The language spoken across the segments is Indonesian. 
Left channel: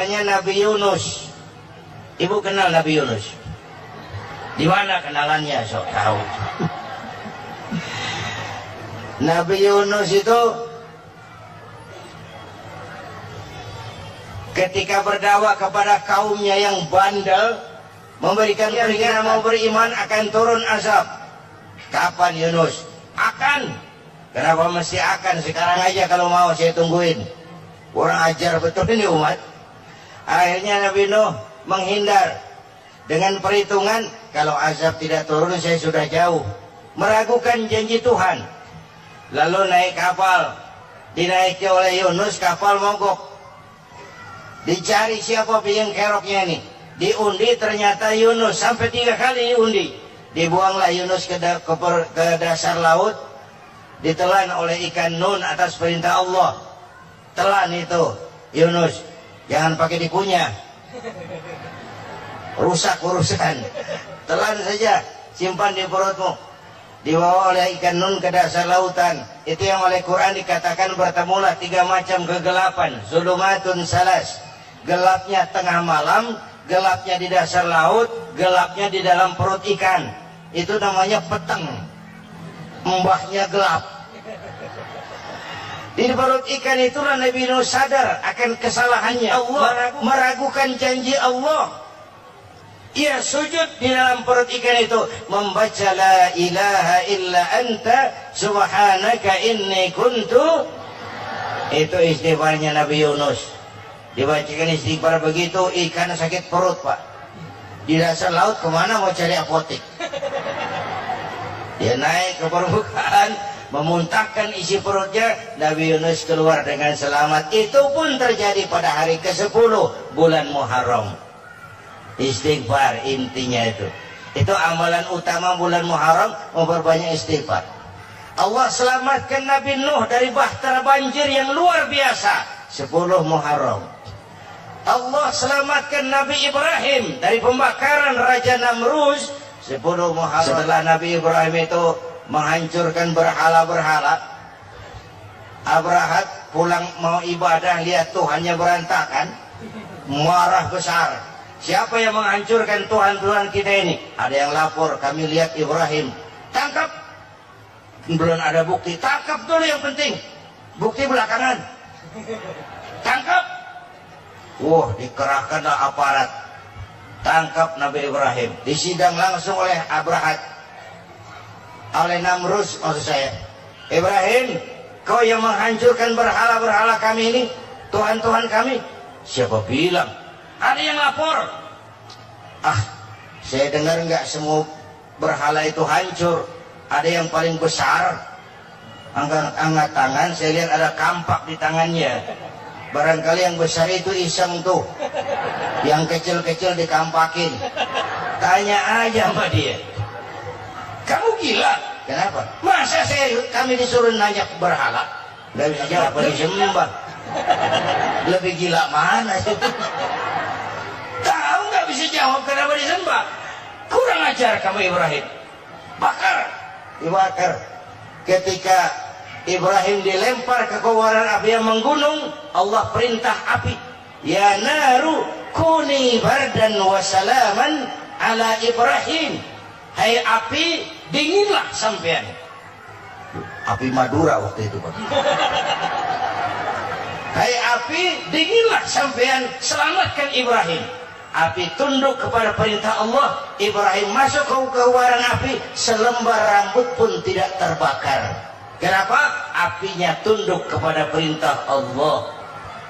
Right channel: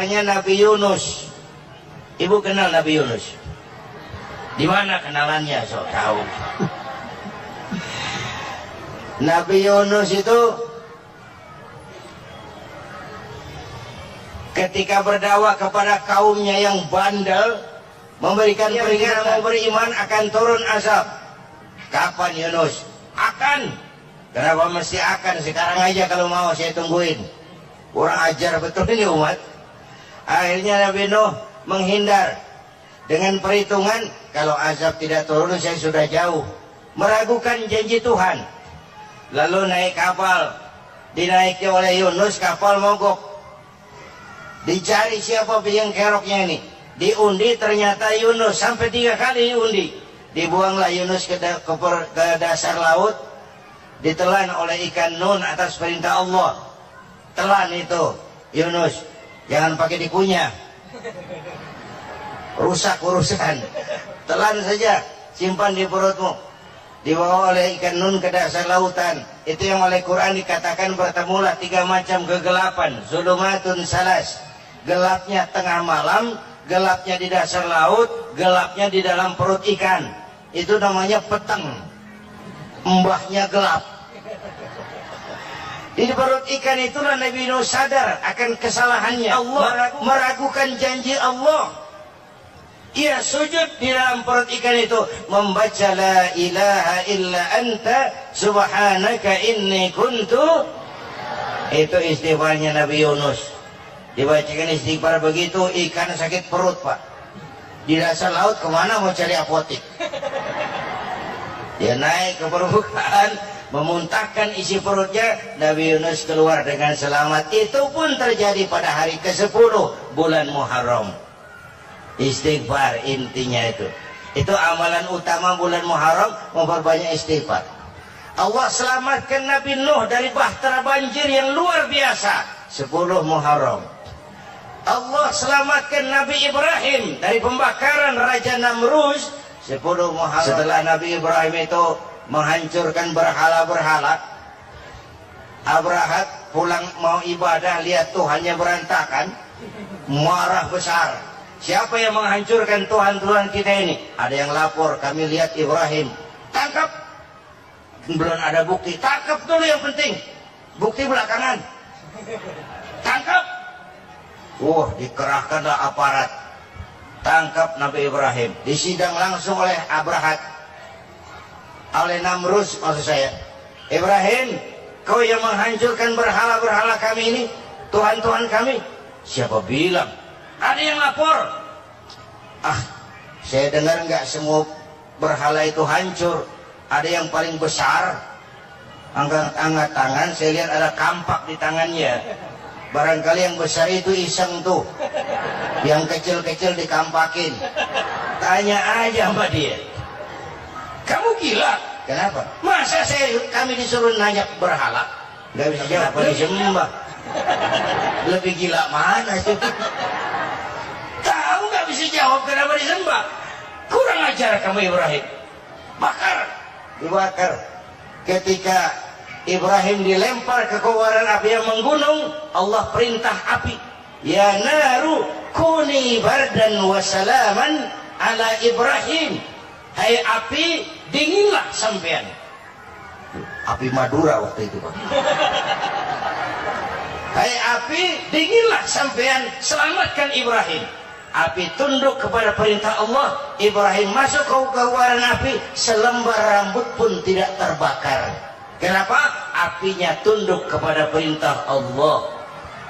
Hanya Nabi Yunus. Ibu kenal Nabi Yunus? Di mana kenalannya? Sok tahu. Nabi Yunus itu ketika berdakwah kepada kaumnya yang bandel, memberikan peringatan mau beriman akan turun azab. Kapan Yunus? Akan. Kenapa mesti akan? Sekarang aja kalau mau saya tungguin. Kurang ajar betul ini umat. Akhirnya Nabi Nuh menghindar dengan perhitungan kalau azab tidak turun saya sudah jauh, meragukan janji Tuhan. Lalu naik kapal, dinaiki oleh Yunus, kapal mogok. Dicari siapa biang keroknya ini, diundi ternyata Yunus, sampai 3 kali diundi. Dibuanglah Yunus ke dasar laut, ditelan oleh ikan Nun atas perintah Allah. Telan itu Yunus, jangan pakai dikunyah, rusak urusan. Telan saja, simpan di perutmu. Dibawa oleh ikan Nun ke dasar lautan. Itu yang oleh Quran dikatakan bertemulah 3 macam kegelapan. Zulumatun salas, gelapnya tengah malam, gelapnya di dasar laut, gelapnya di dalam perut ikan. Itu namanya peteng, mbahnya gelap. Di perut ikan itulah Nabi Nuh sadar akan kesalahannya. Allah meragukan janji Allah. Ia sujud di dalam perut ikan itu, membaca la ilaha illa anta subhanaka inni kuntu. Itu istighfarnya Nabi Yunus. Dibacakan istighfar begitu, ikan sakit perut pak. Di dasar laut kemana mau cari apotek? Dia naik ke permukaan, memuntahkan isi perutnya. Nabi Yunus keluar dengan selamat. Itu pun terjadi pada hari ke-10 bulan Muharram. Istighfar intinya itu. Itu amalan utama bulan Muharram, memperbanyak istighfar. Allah selamatkan Nabi Nuh dari bahtera banjir yang luar biasa 10 Muharram. Allah selamatkan Nabi Ibrahim dari pembakaran Raja Namrus 10 Muharram. Setelah Nabi Ibrahim itu menghancurkan berhala-berhala, Abrahat pulang mau ibadah, lihat Tuhannya berantakan, marah besar. Siapa yang menghancurkan Tuhan-Tuhan kita ini? Ada yang lapor, kami lihat Ibrahim. Tangkap. Belum ada bukti, tangkap dulu yang penting. Bukti belakangan. Tangkap. Wah, dikerahkanlah aparat. Tangkap Nabi Ibrahim. Disidang langsung oleh Abrahat, oleh Namrus maksud saya. Ibrahim, kau yang menghancurkan berhala-berhala kami ini, Tuhan-Tuhan kami. Siapa bilang? Ada yang lapor. Saya dengar nggak semua berhala itu hancur. Ada yang paling besar, angkat tangan, saya lihat ada kampak di tangannya. Barangkali yang besar itu iseng tuh, yang kecil-kecil dikampakin. Tanya aja sama dia, kamu gila? Kenapa? Masa kami disuruh nanya berhala? Nggak bisa jawab, disembah. Lebih gila mana sih? Tahu nggak bisa jawab kenapa disembah? Kurang ajar kamu Ibrahim. Bakar, dibakar. Ketika Ibrahim dilempar ke kobaran api yang menggunung, Allah perintah api, ya naru kuni bardan wa salaman ala Ibrahim. Hai api, dinginlah sampean. Api Madura waktu itu pak. Hai api, dinginlah sampean, selamatkan Ibrahim. Api tunduk kepada perintah Allah. Ibrahim masuk ke kobaran api, selembar rambut pun tidak terbakar. Kenapa? Apinya tunduk kepada perintah Allah.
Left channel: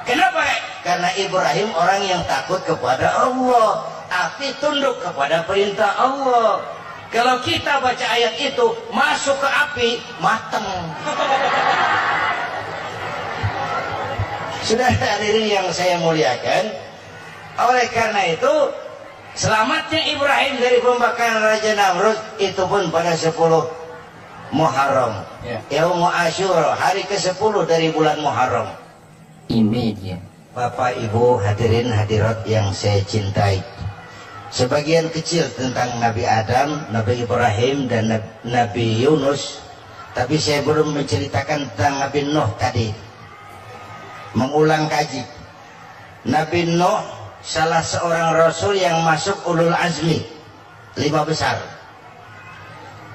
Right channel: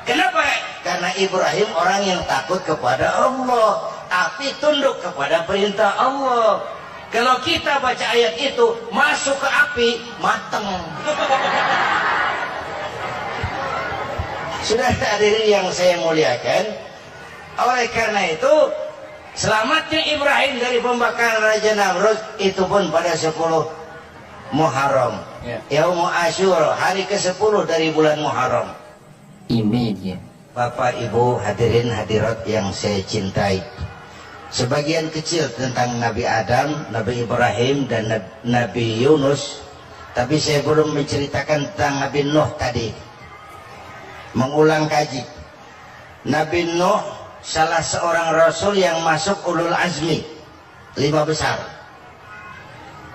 Kenapa? Karena Ibrahim orang yang takut kepada Allah. Api tunduk kepada perintah Allah. Kalau kita baca ayat itu, masuk ke api, mateng. Sudah hadirin yang saya muliakan, oleh karena itu selamatnya Ibrahim dari pembakaran Raja Namrud itu pun pada 10 Muharram, Yaum Asyura, hari ke-10 dari bulan Muharram. Bapak Ibu hadirin hadirat yang saya cintai, sebagian kecil tentang Nabi Adam, Nabi Ibrahim dan Nabi Yunus, tapi saya belum menceritakan tentang Nabi Nuh tadi. Mengulang kaji. Nabi Nuh salah seorang rasul yang masuk ulul azmi 5 besar,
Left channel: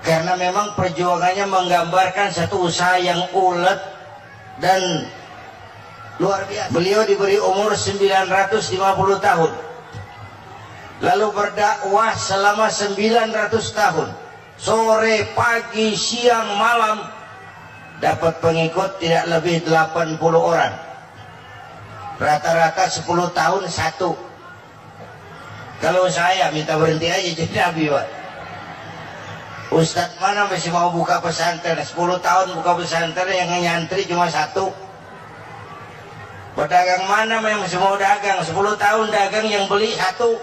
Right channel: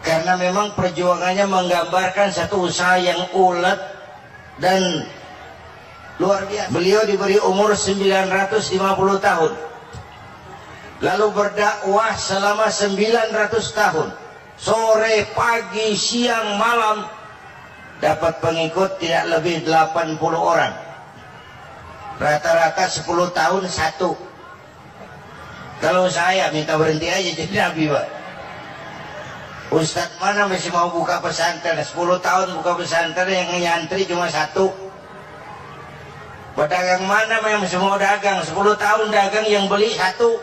karena memang perjuangannya menggambarkan satu usaha yang ulet dan luar biasa. Beliau diberi umur 950 tahun, lalu berdakwah selama 900 tahun, sore, pagi, siang, malam, dapat pengikut tidak lebih 80 orang, rata-rata 10 tahun satu. Kalau saya minta berhenti aja jadi nabi, Pak. Ustadz mana masih mau buka pesantren 10 tahun buka pesantren, yang nyantri cuma satu. Pedagang mana yang masih mau dagang 10 tahun dagang, yang beli satu.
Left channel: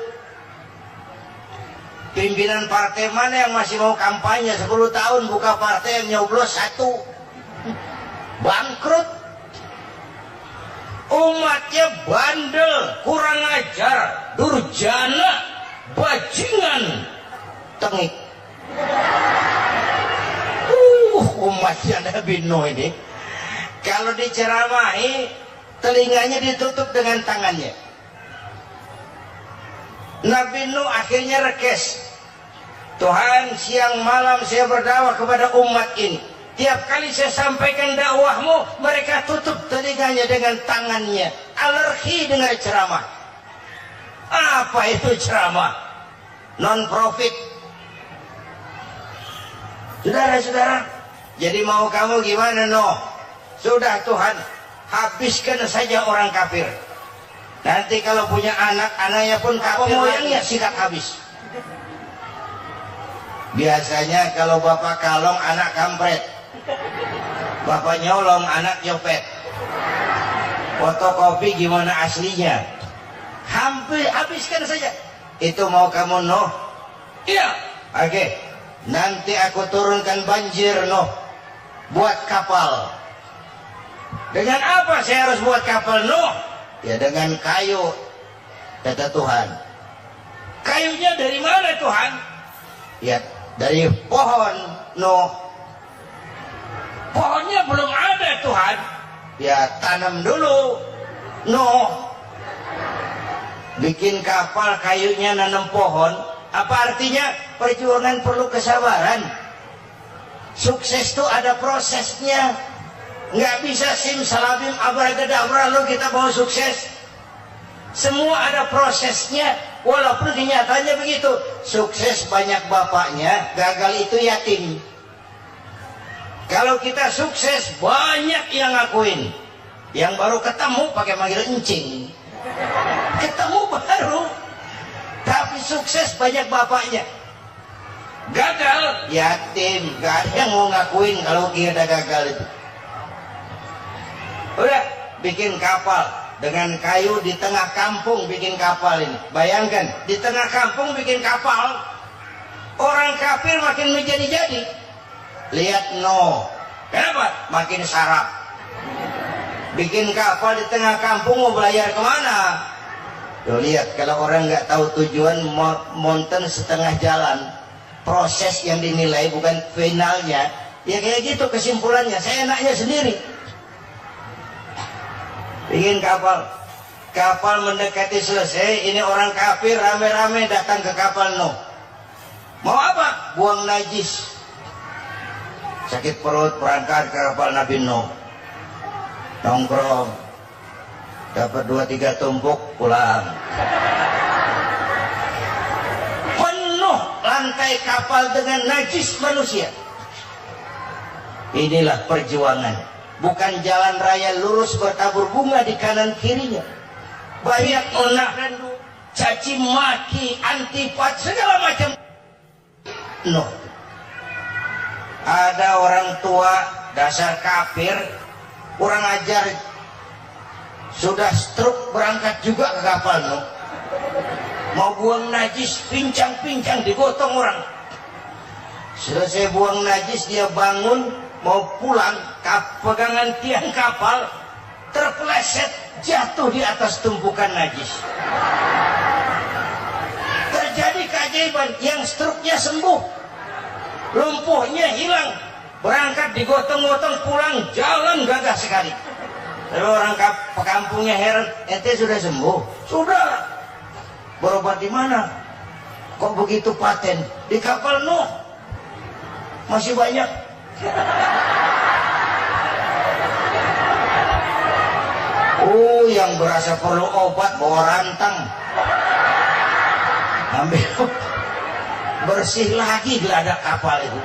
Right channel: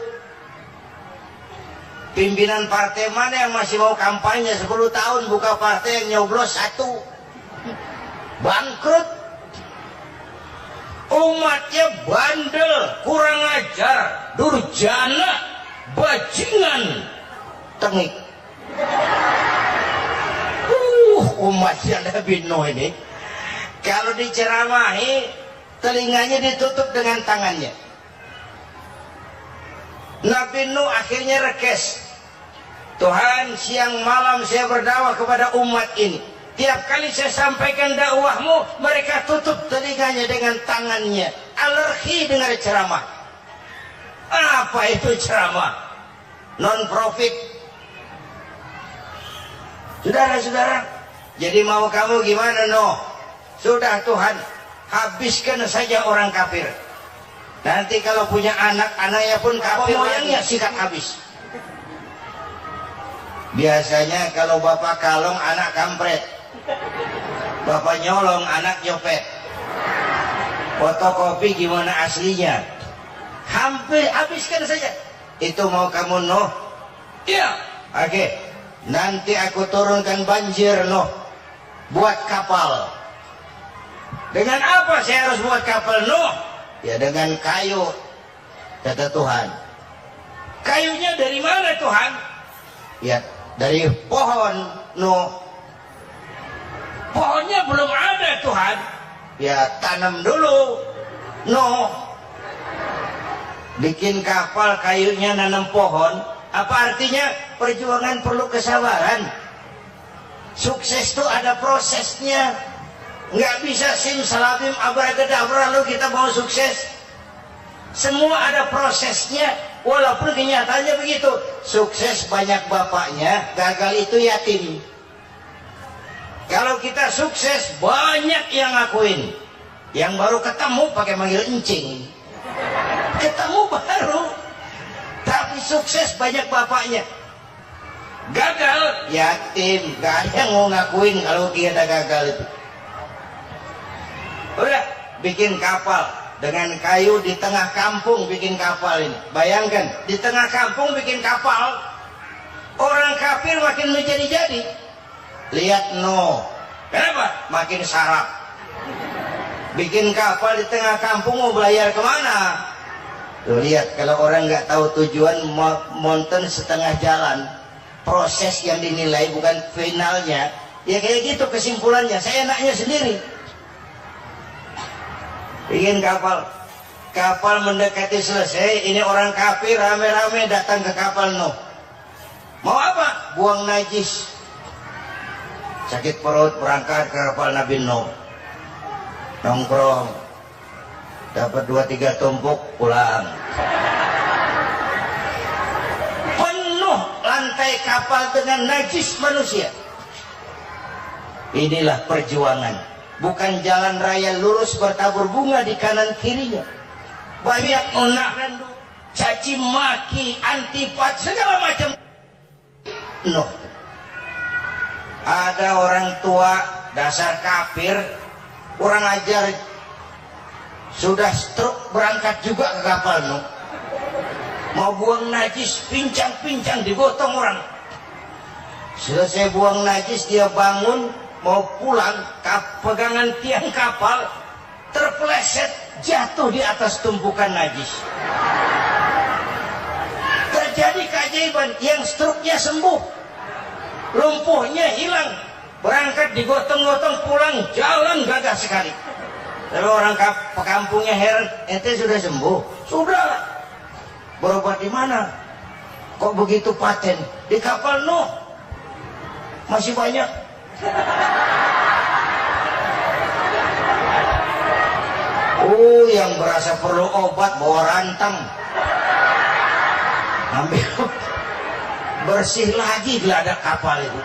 Pimpinan partai mana yang masih mau kampanye 10 tahun buka partai, yang nyoblos satu. Bangkrut. Umatnya bandel, kurang ajar, durjana, bajingan, tengik. Umatnya Nabi Nuh ini kalau diceramahi telinganya ditutup dengan tangannya. Nabi Nuh akhirnya rekes, Tuhan, siang malam saya berdakwah kepada umat ini. Tiap kali saya sampaikan dakwahmu, mereka tutup telinganya dengan tangannya. Alergi dengar ceramah. Apa itu ceramah? Non-profit. Saudara-saudara, jadi mau kamu gimana, Nuh? Sudah Tuhan, habiskan saja orang kafir. Nanti kalau punya anak, anaknya pun kafir, moyangnya sikat habis. Biasanya kalau bapak kalong, anak kampret. Bapak nyolong, anak nyopet. Fotokopi gimana aslinya? Hampir habiskan saja. Itu mau kamu, Nuh? Iya. Oke. Nanti aku turunkan banjir, Nuh. Buat kapal. Dengan apa saya harus buat kapal, Nuh? Ya dengan kayu, kata Tuhan. Kayunya dari mana, Tuhan? Ya dari pohon, Nuh. Pohonnya belum ada, Tuhan. Ya tanam dulu, Nuh. Bikin kapal, kayunya nanam pohon. Apa artinya? Perjuangan perlu kesabaran. Sukses itu ada prosesnya. Nggak bisa simsalabim abracadabra lalu kita mau sukses. Semua ada prosesnya. Walaupun kenyataannya begitu. Sukses banyak bapaknya, gagal itu yatim. Kalau kita sukses banyak yang ngakuin. Yang baru ketemu pakai manggil encing. Ketemu baru. Tapi sukses banyak bapaknya. Gagal yatim, gak ada yang mau ngakuin kalau kita gagal itu. Udah bikin kapal dengan kayu di tengah kampung, bikin kapal ini. Bayangkan di tengah kampung bikin kapal, orang kafir makin menjadi-jadi. Lihat Nuh, kenapa? Makin sarap. Bikin kapal di tengah kampung mau belayar kemana? Tuh lihat, kalau orang nggak tahu tujuan, mountain setengah jalan. Proses yang dinilai bukan finalnya. Ya kayak gitu kesimpulannya. Saya enaknya sendiri. Bikin kapal. Kapal mendekati selesai. Ini orang kafir rame-rame datang ke kapal Nuh. Mau apa? Buang najis. Sakit perut, berangkat ke kapal Nabi Nuh. Nongkrong. Dapat 2-3 tumpuk, pulang. Penuh lantai kapal dengan najis manusia. Inilah perjuangan. Bukan jalan raya lurus bertabur bunga di kanan kirinya. Banyak onak rendu, caci maki, antipat, segala macam. Nuh. Ada orang tua dasar kafir, kurang ajar, sudah stroke berangkat juga ke kapal Nuh. Mau buang najis, pincang-pincang digotong orang. Selesai buang najis dia bangun mau pulang, pegangan tiang kapal terpeleset jatuh di atas tumpukan najis. Terjadi keajaiban, yang stroke-nya sembuh. Lumpuhnya hilang, berangkat digotong-gotong pulang, jalan gagah sekali. Lalu orang pekampungnya heran, ente sudah sembuh? Sudah. Berobat di mana? Kok begitu paten? Di kapal Nuh. Masih banyak. Oh, yang berasa perlu obat bawa rantang. Ambil bersih lagi geladak kapal itu.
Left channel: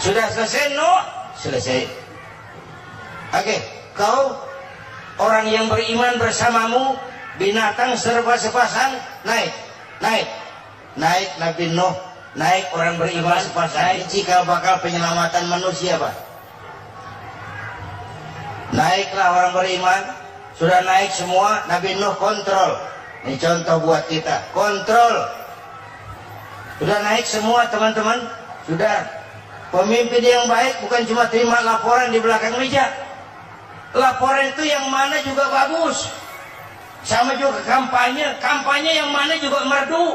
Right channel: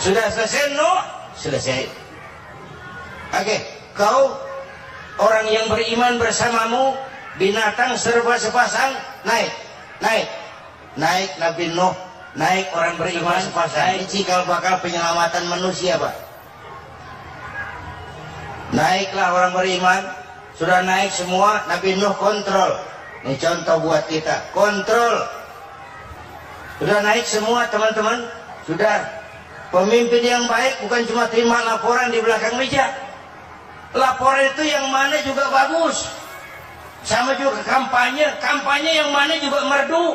Sudah selesai Nuh? Selesai. Oke, kau orang yang beriman bersamamu, binatang serba sepasang, naik Nabi Nuh, naik orang beriman sepasang. Ini cikal bakal penyelamatan manusia, Pak. Naiklah orang beriman, sudah naik semua, Nabi Nuh kontrol. Ini contoh buat kita, kontrol. Sudah naik semua teman-teman, sudah. Pemimpin yang baik bukan cuma terima laporan di belakang meja. Laporan itu yang mana juga bagus. Sama juga kampanye yang mana juga merdu.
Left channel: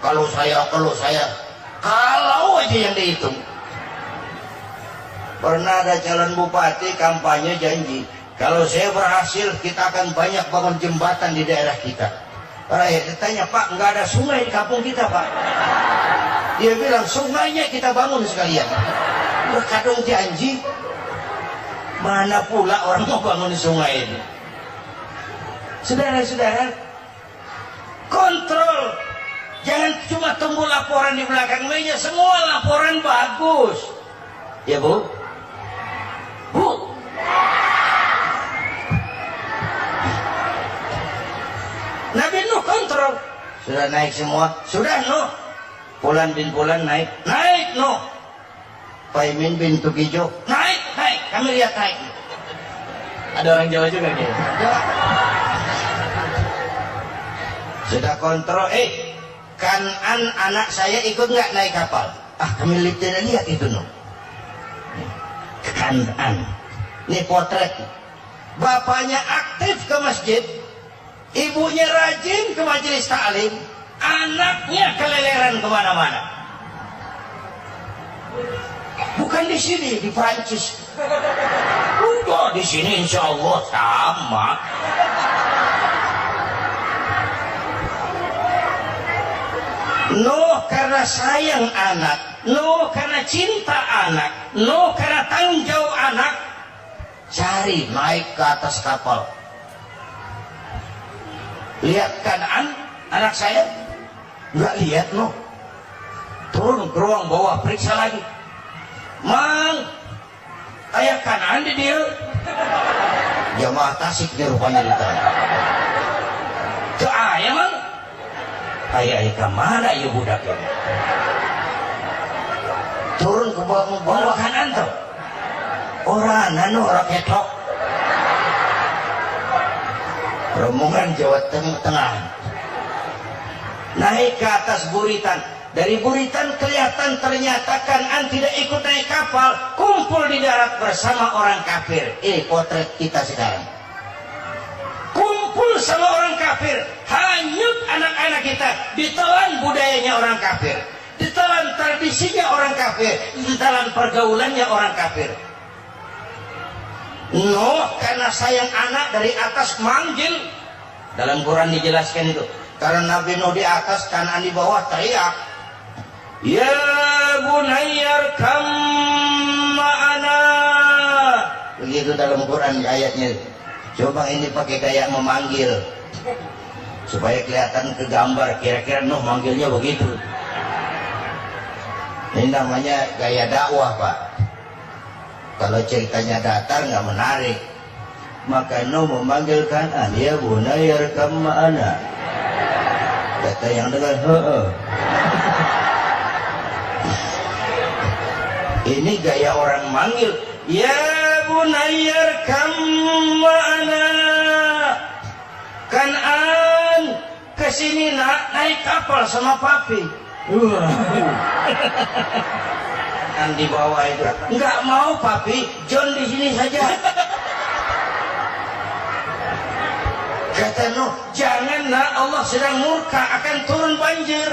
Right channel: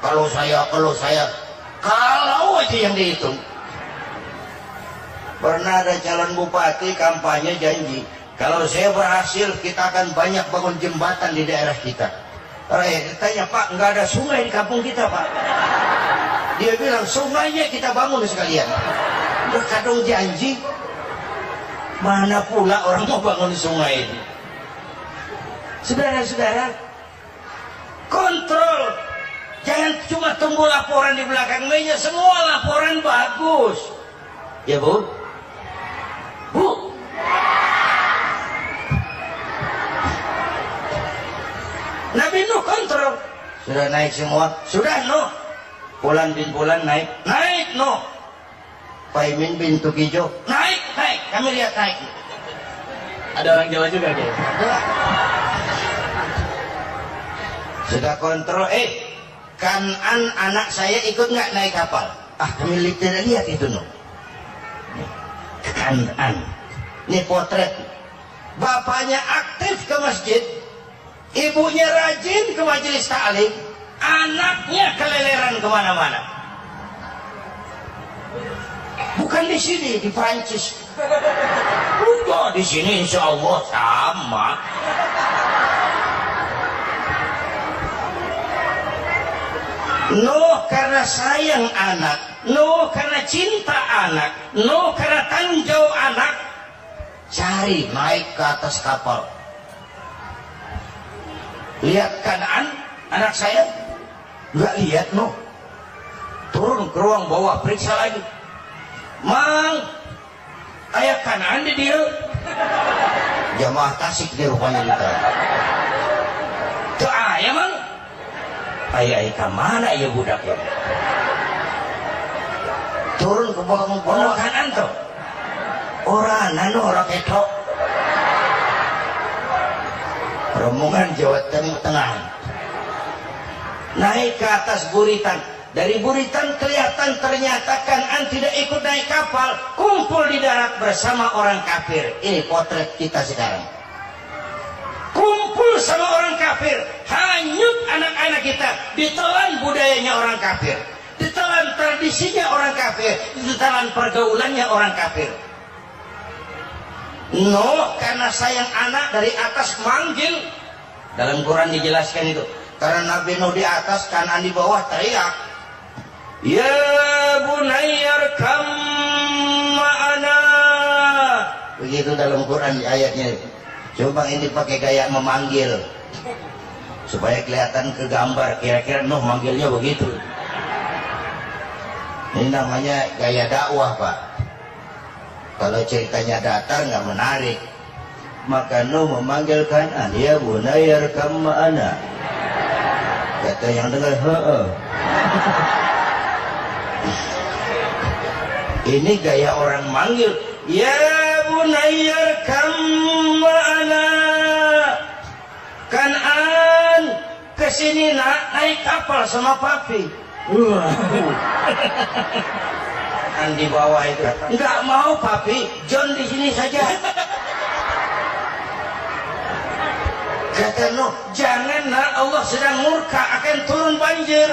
Kalau saya, kalau aja yang dihitung. Pernah ada calon bupati kampanye janji, kalau saya berhasil kita akan banyak bangun jembatan di daerah kita. Rakyat ditanya, Pak, nggak ada sungai di kampung kita, Pak. Dia bilang, sungainya kita bangun sekalian. Udah kadung janji, mana pula orang mau bangun sungai itu. Saudara-saudara, kontrol. Jangan cuma tunggu laporan di belakang meja, semua laporan bagus. Ya, Bu? Bu? Nabi Nuh kontrol. Sudah naik semua? Sudah, Nuh. Pulan bin Pulan naik Nuh. Paimin bin Tukijo naik. Kami lihat naik. Ada orang Jawa juga Kiai. Sudah kontrol. Kanan anak saya ikut nggak naik kapal? Kami lihat itu Nuh. Kanan. Ini potret. Bapaknya aktif ke masjid, ibunya rajin ke majelis taklim, anaknya keleleran kemana-mana. Bukan di sini, di Prancis. Udah di sini insya Allah sama. Nuh karena sayang anak, Nuh karena cinta anak, Nuh karena tanggung jawab anak, cari naik ke atas kapal. Lihat Kanaan, anak saya, nggak lihat Nuh. Turun ke ruang bawah, periksa lagi. Mang, ayah Kanaan di dia. Jamaah Tasik di rupanya ditanya. Tuh ayah mang. Ayah kemana ya budak ya? Turun ke bawah Kanaan tuh. Orang nano orang ketok. Rombongan Jawa Tengah. Naik ke atas buritan. Dari buritan kelihatan ternyata Kanaan tidak ikut naik kapal, kumpul di darat bersama orang kafir. Ini potret kita sekarang. Kumpul sama orang kafir, hanyut anak-anak kita, ditelan budayanya orang kafir, ditelan tradisinya orang kafir, ditelan pergaulannya orang kafir. Nuh karena sayang anak dari atas manggil. Dalam Quran dijelaskan itu. Karena Nabi Nuh di atas, Kanaan di bawah, teriak, ya bunayyar kam ma'ana. Begitu dalam Quran di ayatnya. Coba ini pakai gaya memanggil supaya kelihatan ke gambar, kira-kira Nuh manggilnya begitu. Ini namanya gaya dakwah, Pak. Kalau ceritanya datar nggak menarik. Maka Nuh memanggil Kanaan, ya bunayyar kam ma'ana. Kata yang dengar, ini gaya orang manggil, ya bunayyar kam ma'ana. Kanaan, kesini nak, naik kapal sama papi. Di bawah itu, nggak mau papi, John di sini saja. Kata Nuh, jangan nak, Allah sedang murka, akan turun banjir.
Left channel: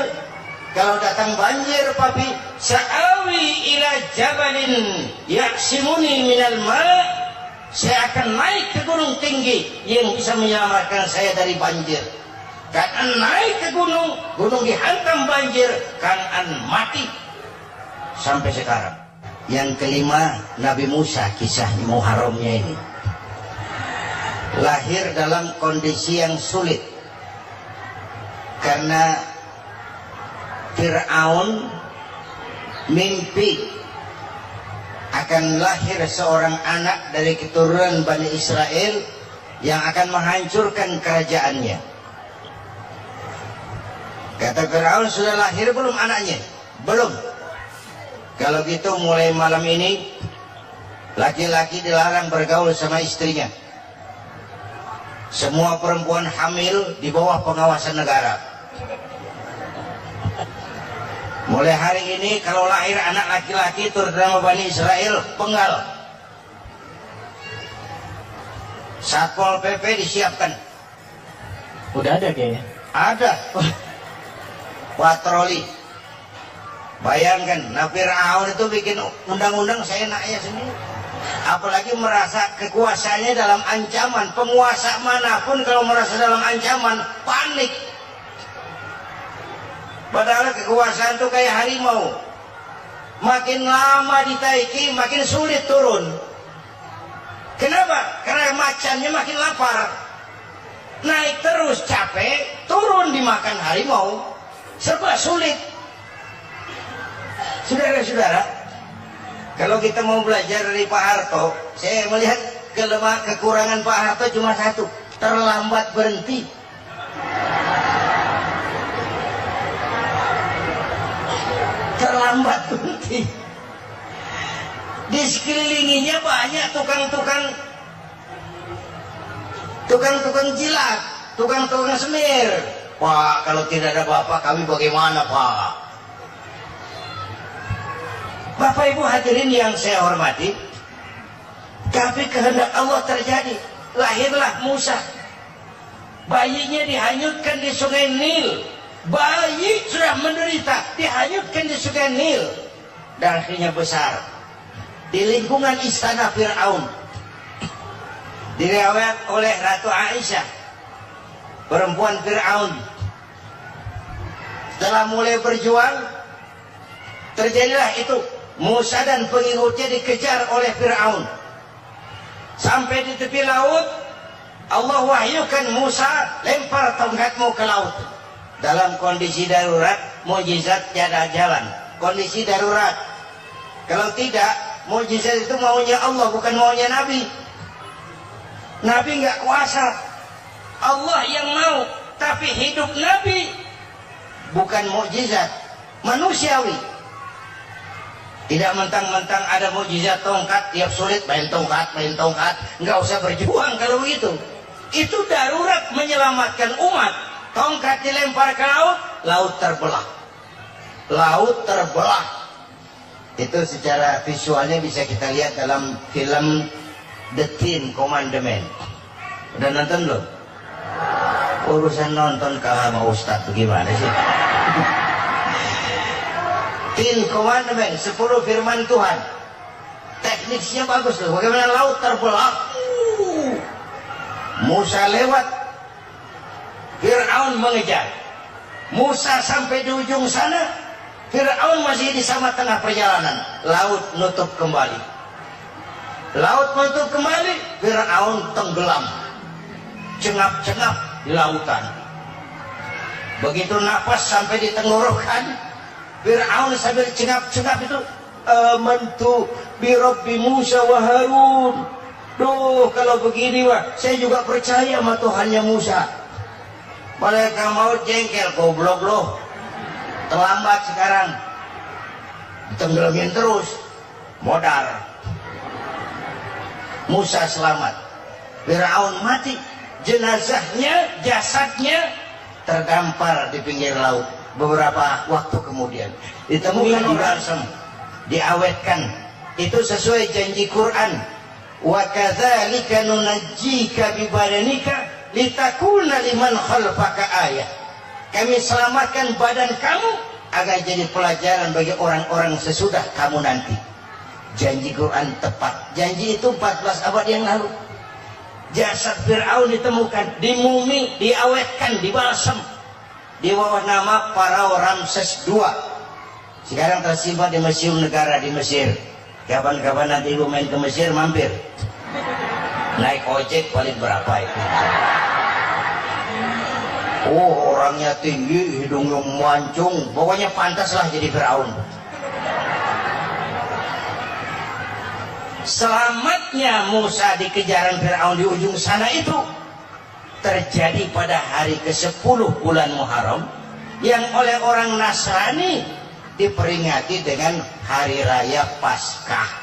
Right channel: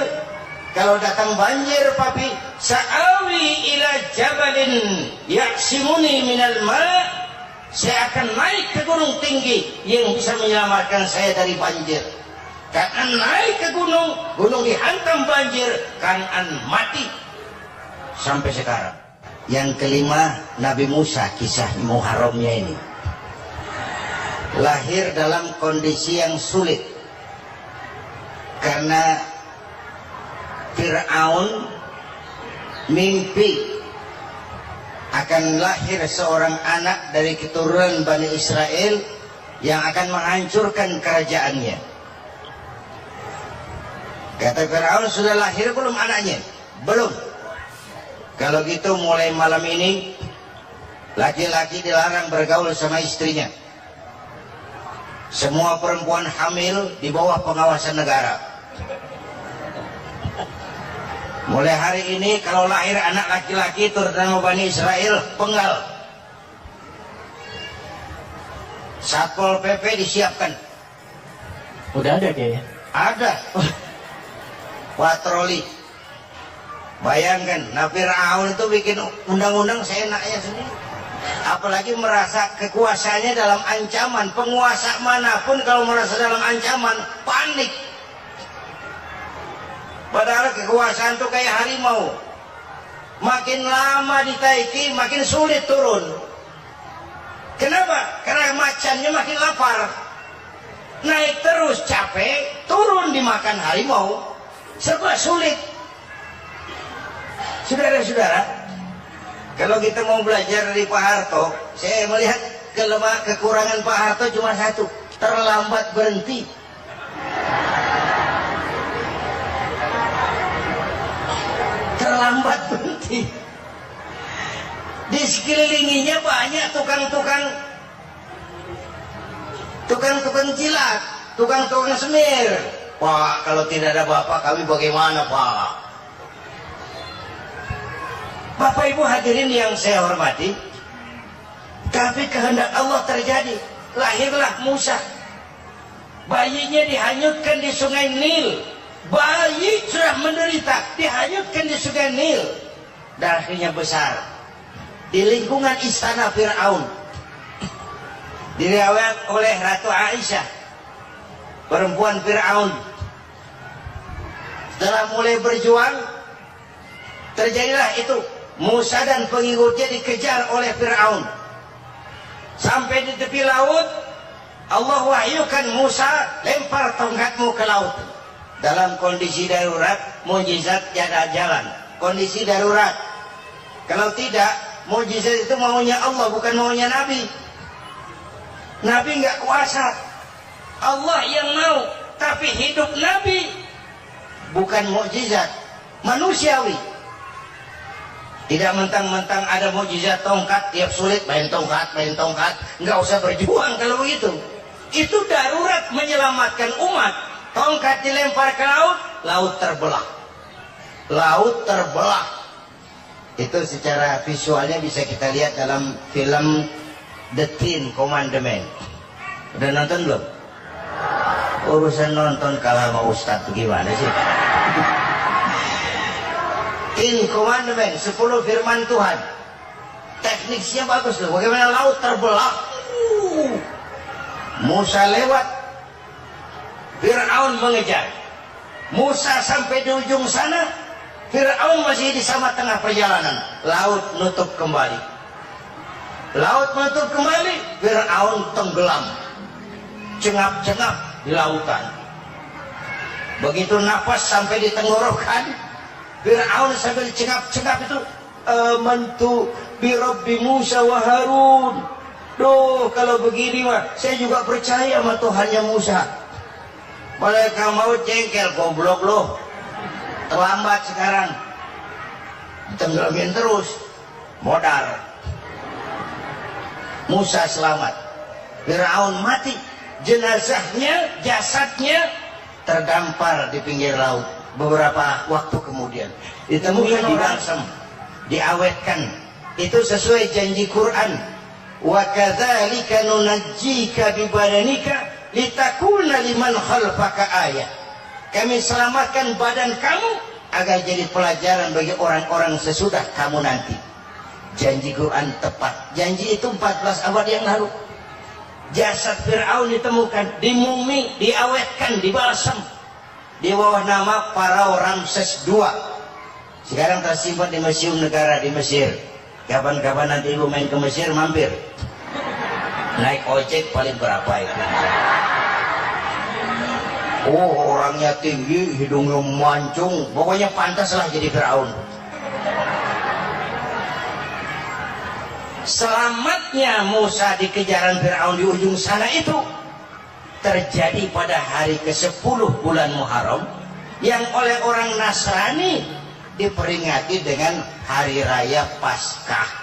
Kalau datang banjir papi, sa'awi ila jabalin yaksimuni minal ma', Saya akan naik ke gunung tinggi yang bisa menyelamatkan saya dari banjir. Kan'an naik ke gunung, gunung dihantam banjir, Kan'an mati. Sampai sekarang. Yang kelima, Nabi Musa, kisah Muharramnya ini. Lahir dalam kondisi yang sulit. Karena Fir'aun mimpi akan lahir seorang anak dari keturunan Bani Israel yang akan menghancurkan kerajaannya. Kata Fir'aun, sudah lahir belum anaknya? Belum. Kalau gitu mulai malam ini laki-laki dilarang bergaul sama istrinya. Semua perempuan hamil di bawah pengawasan negara. Mulai hari ini kalau lahir anak laki-laki terutama Bani Israel, penggal. Satpol PP disiapkan. Udah ada kayaknya. Ada. Patroli. Bayangkan, Fir'aun itu bikin undang-undang seenaknya sendiri. Apalagi merasa kekuasaannya dalam ancaman. Penguasa manapun kalau merasa dalam ancaman, panik. Padahal kekuasaan itu kayak harimau. Makin lama ditaiki, makin sulit turun. Kenapa? Karena macannya makin lapar. Naik terus capek, turun dimakan harimau. Serba sulit. Saudara-saudara, kalau kita mau belajar dari Pak Harto, saya melihat kekurangan Pak Harto cuma satu, terlambat berhenti. Terlambat berhenti. Di sekelilinginya banyak tukang-tukang jilat, tukang-tukang semir. Pak, kalau tidak ada Bapak kami bagaimana, Pak? Bapak Ibu hadirin yang saya hormati, tapi kehendak Allah terjadi. Lahirlah Musa. Bayinya dihanyutkan di sungai Nil. Bayi sudah menderita, dihanyutkan di sungai Nil. Dan akhirnya besar di lingkungan istana Fir'aun. Diriwayat oleh Ratu Aisyah, perempuan Fir'aun. Setelah mulai berjuang, terjadilah itu. Musa dan pengikutnya dikejar oleh Fir'aun. Sampai di tepi laut, Allah wahyukan Musa, lempar tongkatmu ke laut. Dalam kondisi darurat, mukjizat tiada jalan. Kondisi darurat. Kalau tidak, mukjizat itu maunya Allah, bukan maunya Nabi. Nabi nggak kuasa. Allah yang mau. Tapi hidup Nabi bukan mukjizat, manusiawi. Tidak mentang-mentang ada mukjizat tongkat, tiap sulit main tongkat. Nggak usah berjuang kalau begitu. Itu darurat menyelamatkan umat. Tongkat dilempar ke laut, laut terbelah. Laut terbelah. Itu secara visualnya bisa kita lihat dalam film The Ten Commandments. Udah nonton belum? Urusan nonton kalah sama Ustadz tuh gimana sih? Ten Commandments, 10 firman Tuhan. Tekniknya bagus loh. Bagaimana laut terbelah. Musa lewat, Fir'aun mengejar. Musa sampai di ujung sana, Fir'aun masih di sama tengah perjalanan. Laut nutup kembali. Laut menutup kembali, Fir'aun tenggelam. Cengap-cengap di lautan. Begitu nafas sampai di tenggorokan, Fir'aun sambil cengap-cengap itu, amantu bi Rabbi Musa wa Harun. Duh, kalau begini wah, saya juga percaya sama Tuhannya Musa. Malaikat maut jengkel, goblok loh. Terlambat sekarang. Ditenggelamin terus. Modar. Musa selamat. Fir'aun mati. Jenazahnya, jasadnya terdampar di pinggir laut. Beberapa waktu kemudian ditemukan di balsam, diawetkan. Itu sesuai janji Quran. Wa kadzalika nunajjika bi badanika litakuna liman khalfaka ayah. Kami selamatkan badan kamu agar jadi pelajaran bagi orang-orang sesudah kamu nanti. Janji Quran tepat. Janji itu 14 abad yang lalu. Jasad Fir'aun ditemukan, dimumi, diawetkan, dibalsam di bawah nama Farao Ramses II. Sekarang tersimpan di Museum Negara di Mesir. Kapan-kapan nanti ibu main ke Mesir, mampir. Naik ojek paling berapa itu? Oh, orangnya tinggi, hidungnya mancung, pokoknya pantaslah jadi Fir'aun. Selamatnya Musa di kejaran Fir'aun di ujung sana itu terjadi pada hari ke-10 bulan Muharram, yang oleh orang Nasrani diperingati dengan hari raya Paskah.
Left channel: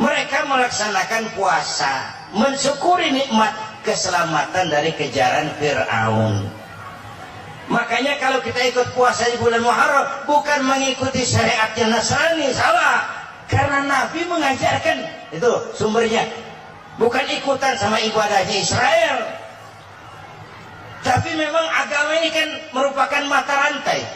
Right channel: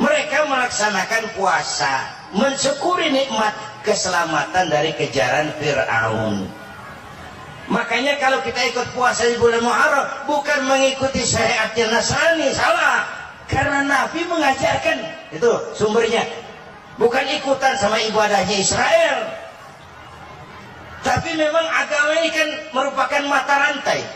Mereka melaksanakan puasa mensyukuri nikmat keselamatan dari kejaran Fir'aun. Makanya kalau kita ikut puasa di bulan Muharram bukan mengikuti syariatnya Nasrani, salah. Karena Nabi mengajarkan, itu sumbernya. Bukan ikutan sama ibadahnya Israel. Tapi memang agama ini kan merupakan mata rantai.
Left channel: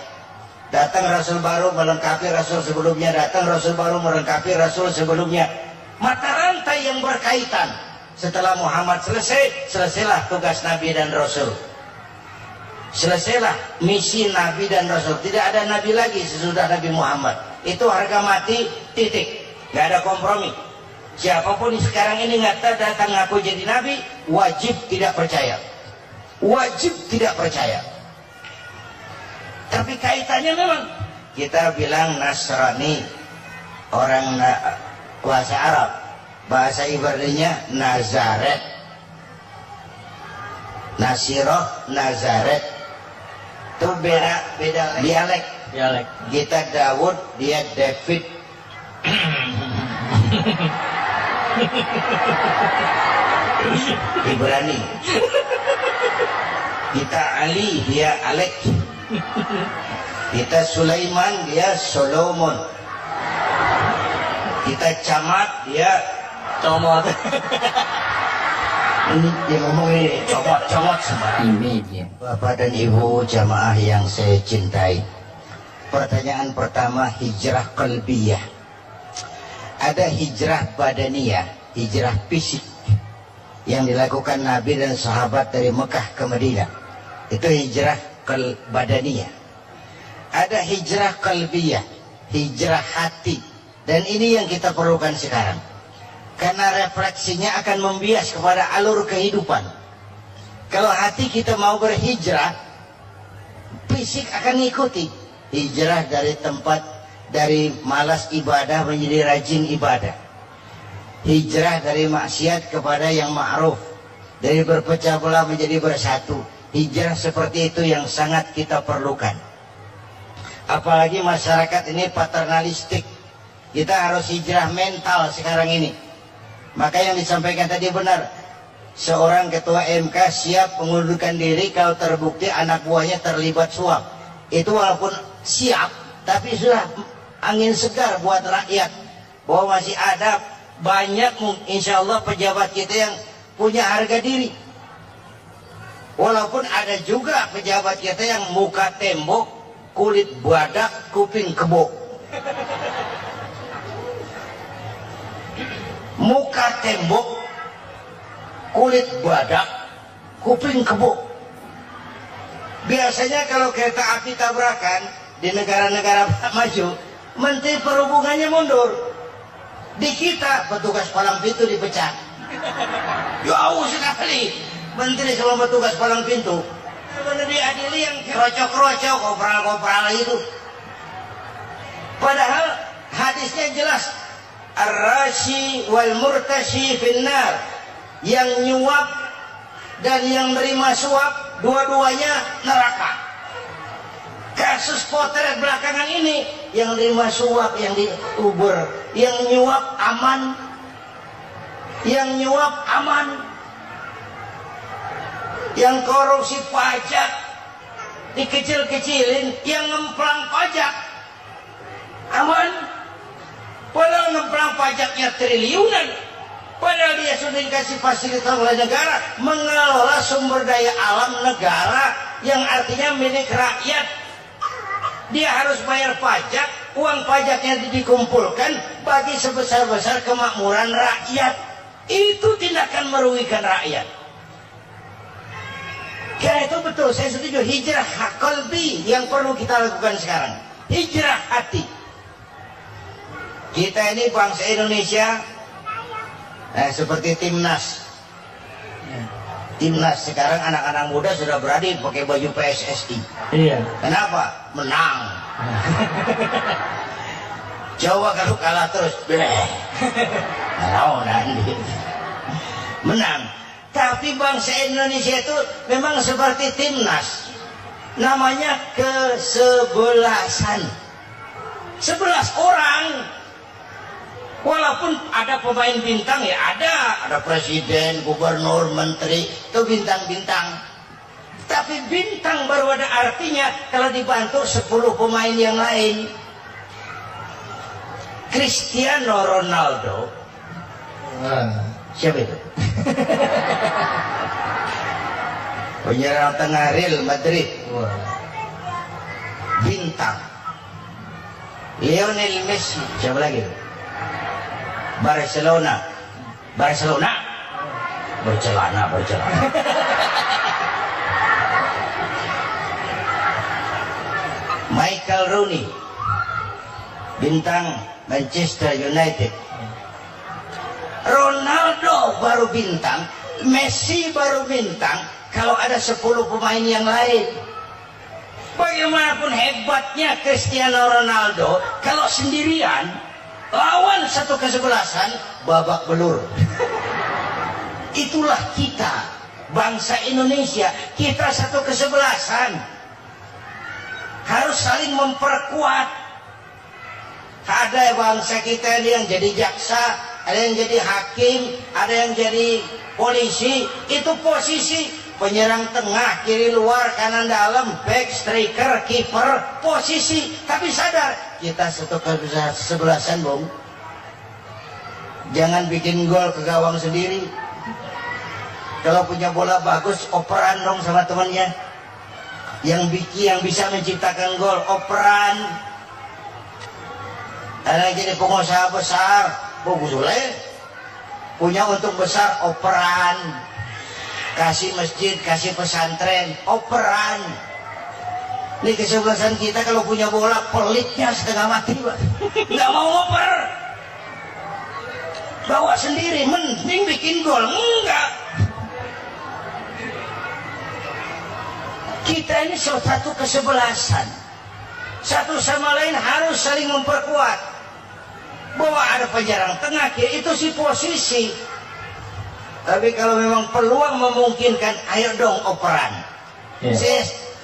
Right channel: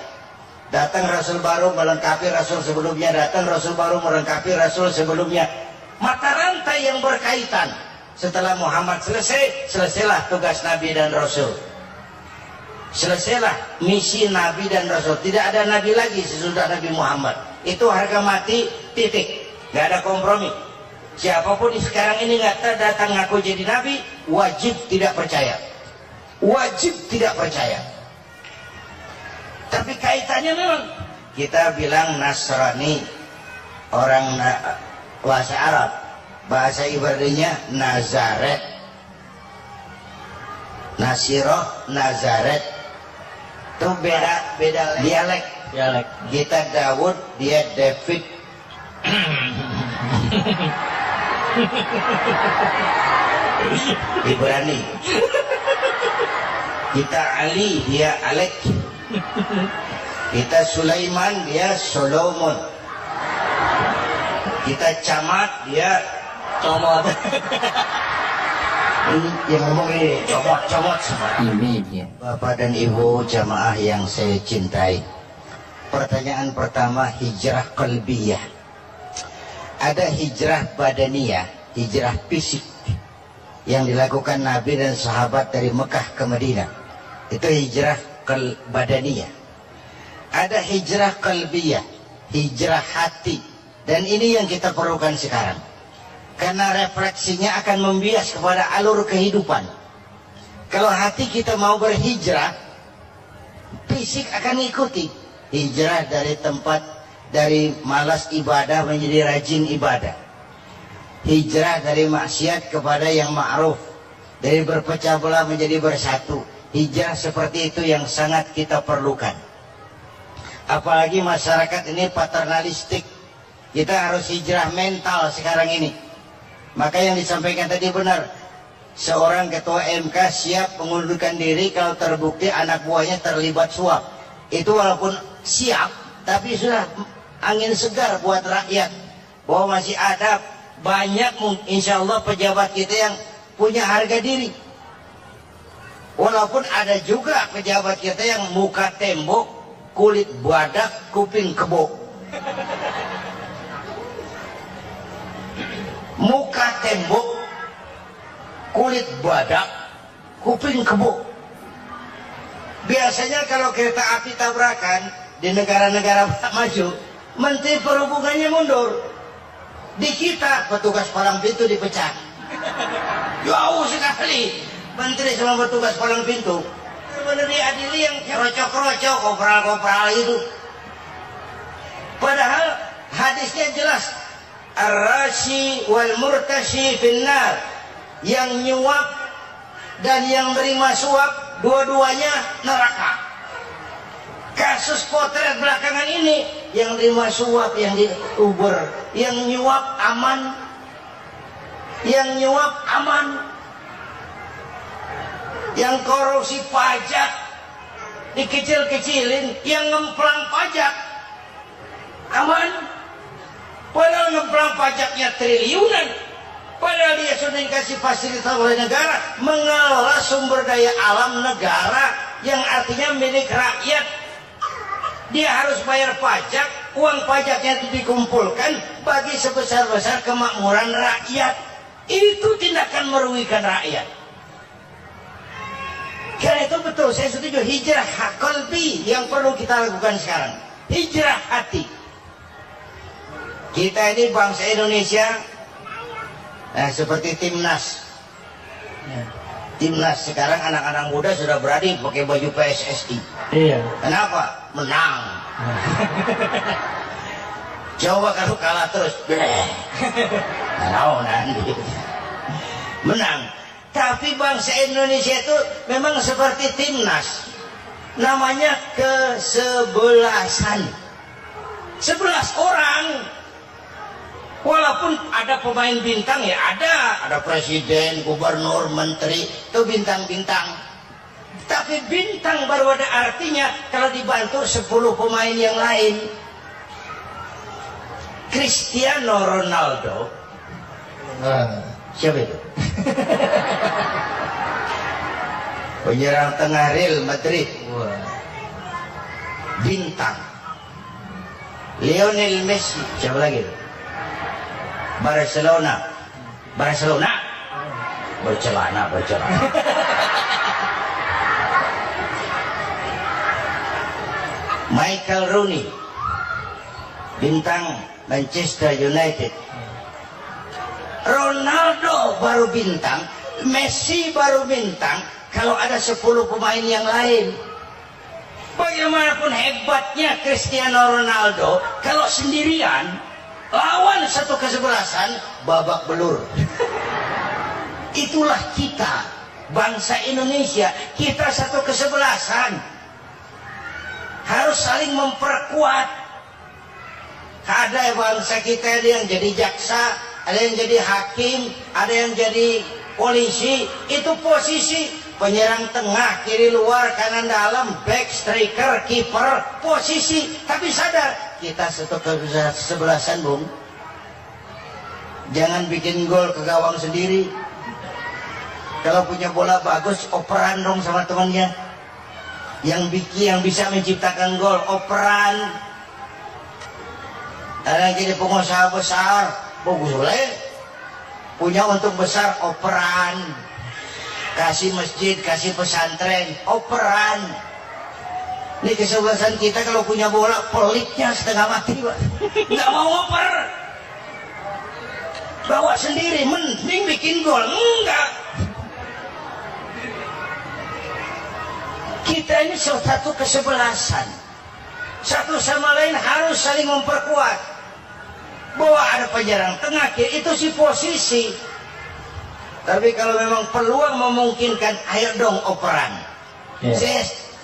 Datang Rasul baru melengkapi Rasul sebelumnya, datang Rasul baru melengkapi Rasul sebelumnya. Mata rantai yang berkaitan. Setelah Muhammad selesai, selesailah tugas Nabi dan Rasul. Selesailah misi Nabi dan Rasul. Tidak ada Nabi lagi sesudah Nabi Muhammad. Itu harga mati, titik. Gak ada kompromi. Siapapun sekarang ini nggak datang ngaku jadi Nabi, wajib tidak percaya. Wajib tidak percaya. Tapi kaitannya memang kita bilang Nasrani, orang bahasa Arab, bahasa Ibraninya Nazaret, Nasiroh, Nazaret. Itu beda dialek. Kita Daud, dia David. Ibrani. Kita Ali, dia Alek. Kita Sulaiman, dia Solomon. Kita Camat, dia Comot. Ini yang ngomong ini comot semua. Ini dia. Bapak dan Ibu jamaah yang saya cintai. Pertanyaan pertama, hijrah qalbiyah. Ada hijrah badaniyah, hijrah fisik yang dilakukan Nabi dan sahabat dari Mekah ke Madinah. Itu hijrah badaniyah. Ada hijrah qalbiyah, hijrah hati. Dan ini yang kita perlukan sekarang. Karena refleksinya akan membias kepada alur kehidupan. Kalau hati kita mau berhijrah, fisik akan mengikuti. Hijrah dari tempat, dari malas ibadah menjadi rajin ibadah. Hijrah dari maksiat kepada yang ma'ruf, dari berpecah belah menjadi bersatu. Hijrah seperti itu yang sangat kita perlukan. Apalagi masyarakat ini paternalistik. Kita harus hijrah mental sekarang ini. Maka yang disampaikan tadi benar. Seorang ketua MK siap mengundurkan diri kalau terbukti anak buahnya terlibat suap. Itu walaupun siap, tapi sudah angin segar buat rakyat. Bahwa masih ada banyak insya Allah pejabat kita yang punya harga diri. Walaupun ada juga pejabat kita yang muka tembok, kulit badak, kuping kebo. Muka tembok, kulit badak, kuping kebo. Biasanya kalau kereta api tabrakan di negara-negara maju, Menteri Perhubungannya mundur. Di kita petugas palang pintu dipecat. Jauh sekali Menteri sama petugas palang pintu. Benar diadili yang krocok-krocok, kopral-kopral itu. Padahal hadisnya jelas. Ar-rashi wal murtashi finnar. Yang nyuap dan yang nerima suap, dua-duanya neraka. Kasus potret belakangan ini, yang nerima suap, yang diuber, yang nyuap aman, yang nyuap aman, yang korupsi pajak dikecil-kecilin, yang ngemplang pajak aman. Padahal ngemplang pajaknya triliunan. Padahal dia sudah dikasih fasilitas oleh negara mengelola sumber daya alam negara yang artinya milik rakyat. Dia harus bayar pajak uang pajaknya dikumpulkan bagi sebesar-besar kemakmuran rakyat. Itu tindakan merugikan rakyat. Karena itu betul, saya setuju, hijrah qalbi yang perlu kita lakukan sekarang. Hijrah hati. Kita ini bangsa Indonesia, seperti timnas. Timnas sekarang anak-anak muda sudah berani pakai baju PSSI. Iya. Kenapa? Menang. Coba kalau kalah terus, nanti menang. Tapi bangsa Indonesia itu memang seperti timnas, namanya kesebelasan. 11 orang. Walaupun ada pemain bintang ya ada presiden, gubernur, menteri, itu bintang-bintang. Tapi bintang baru ada artinya kalau dibantu 10 pemain yang lain. Cristiano Ronaldo. Siapa itu? Penyerang tengah Real Madrid. Bintang. Lionel Messi. Siapa lagi? Barcelona. Bercelana. Michael Rooney, bintang Manchester United. Ronaldo baru bintang, Messi baru bintang kalau ada 10 pemain yang lain. Bagaimanapun hebatnya Cristiano Ronaldo, kalau sendirian lawan satu kesebelasan, babak belur. Itulah kita, bangsa Indonesia. Kita satu kesebelasan, harus saling memperkuat. Ada bangsa kita ini yang jadi jaksa, ada yang jadi hakim, ada yang jadi polisi. Itu posisi penyerang tengah, kiri luar, kanan dalam, back, striker, kiper, posisi. Tapi sadar, kita satu kesebelasan, Bung. Jangan bikin gol ke gawang sendiri. Kalau punya bola bagus, operan dong sama temennya. Yang bisa menciptakan gol, operan. Ada yang jadi pengusaha besar, bagus boleh. Punya untung besar, operan. Kasih masjid, kasih pesantren, operan. Ini kesebelasan kita kalau punya bola, pelitnya setengah mati, Pak. Nggak mau ngoper. Bawa sendiri, mending bikin gol. Enggak. Kita ini satu kesebelasan. Satu sama lain harus saling memperkuat. Bahwa ada penyerang tengah, itu si posisi. Tapi kalau memang peluang memungkinkan, ayo dong operan.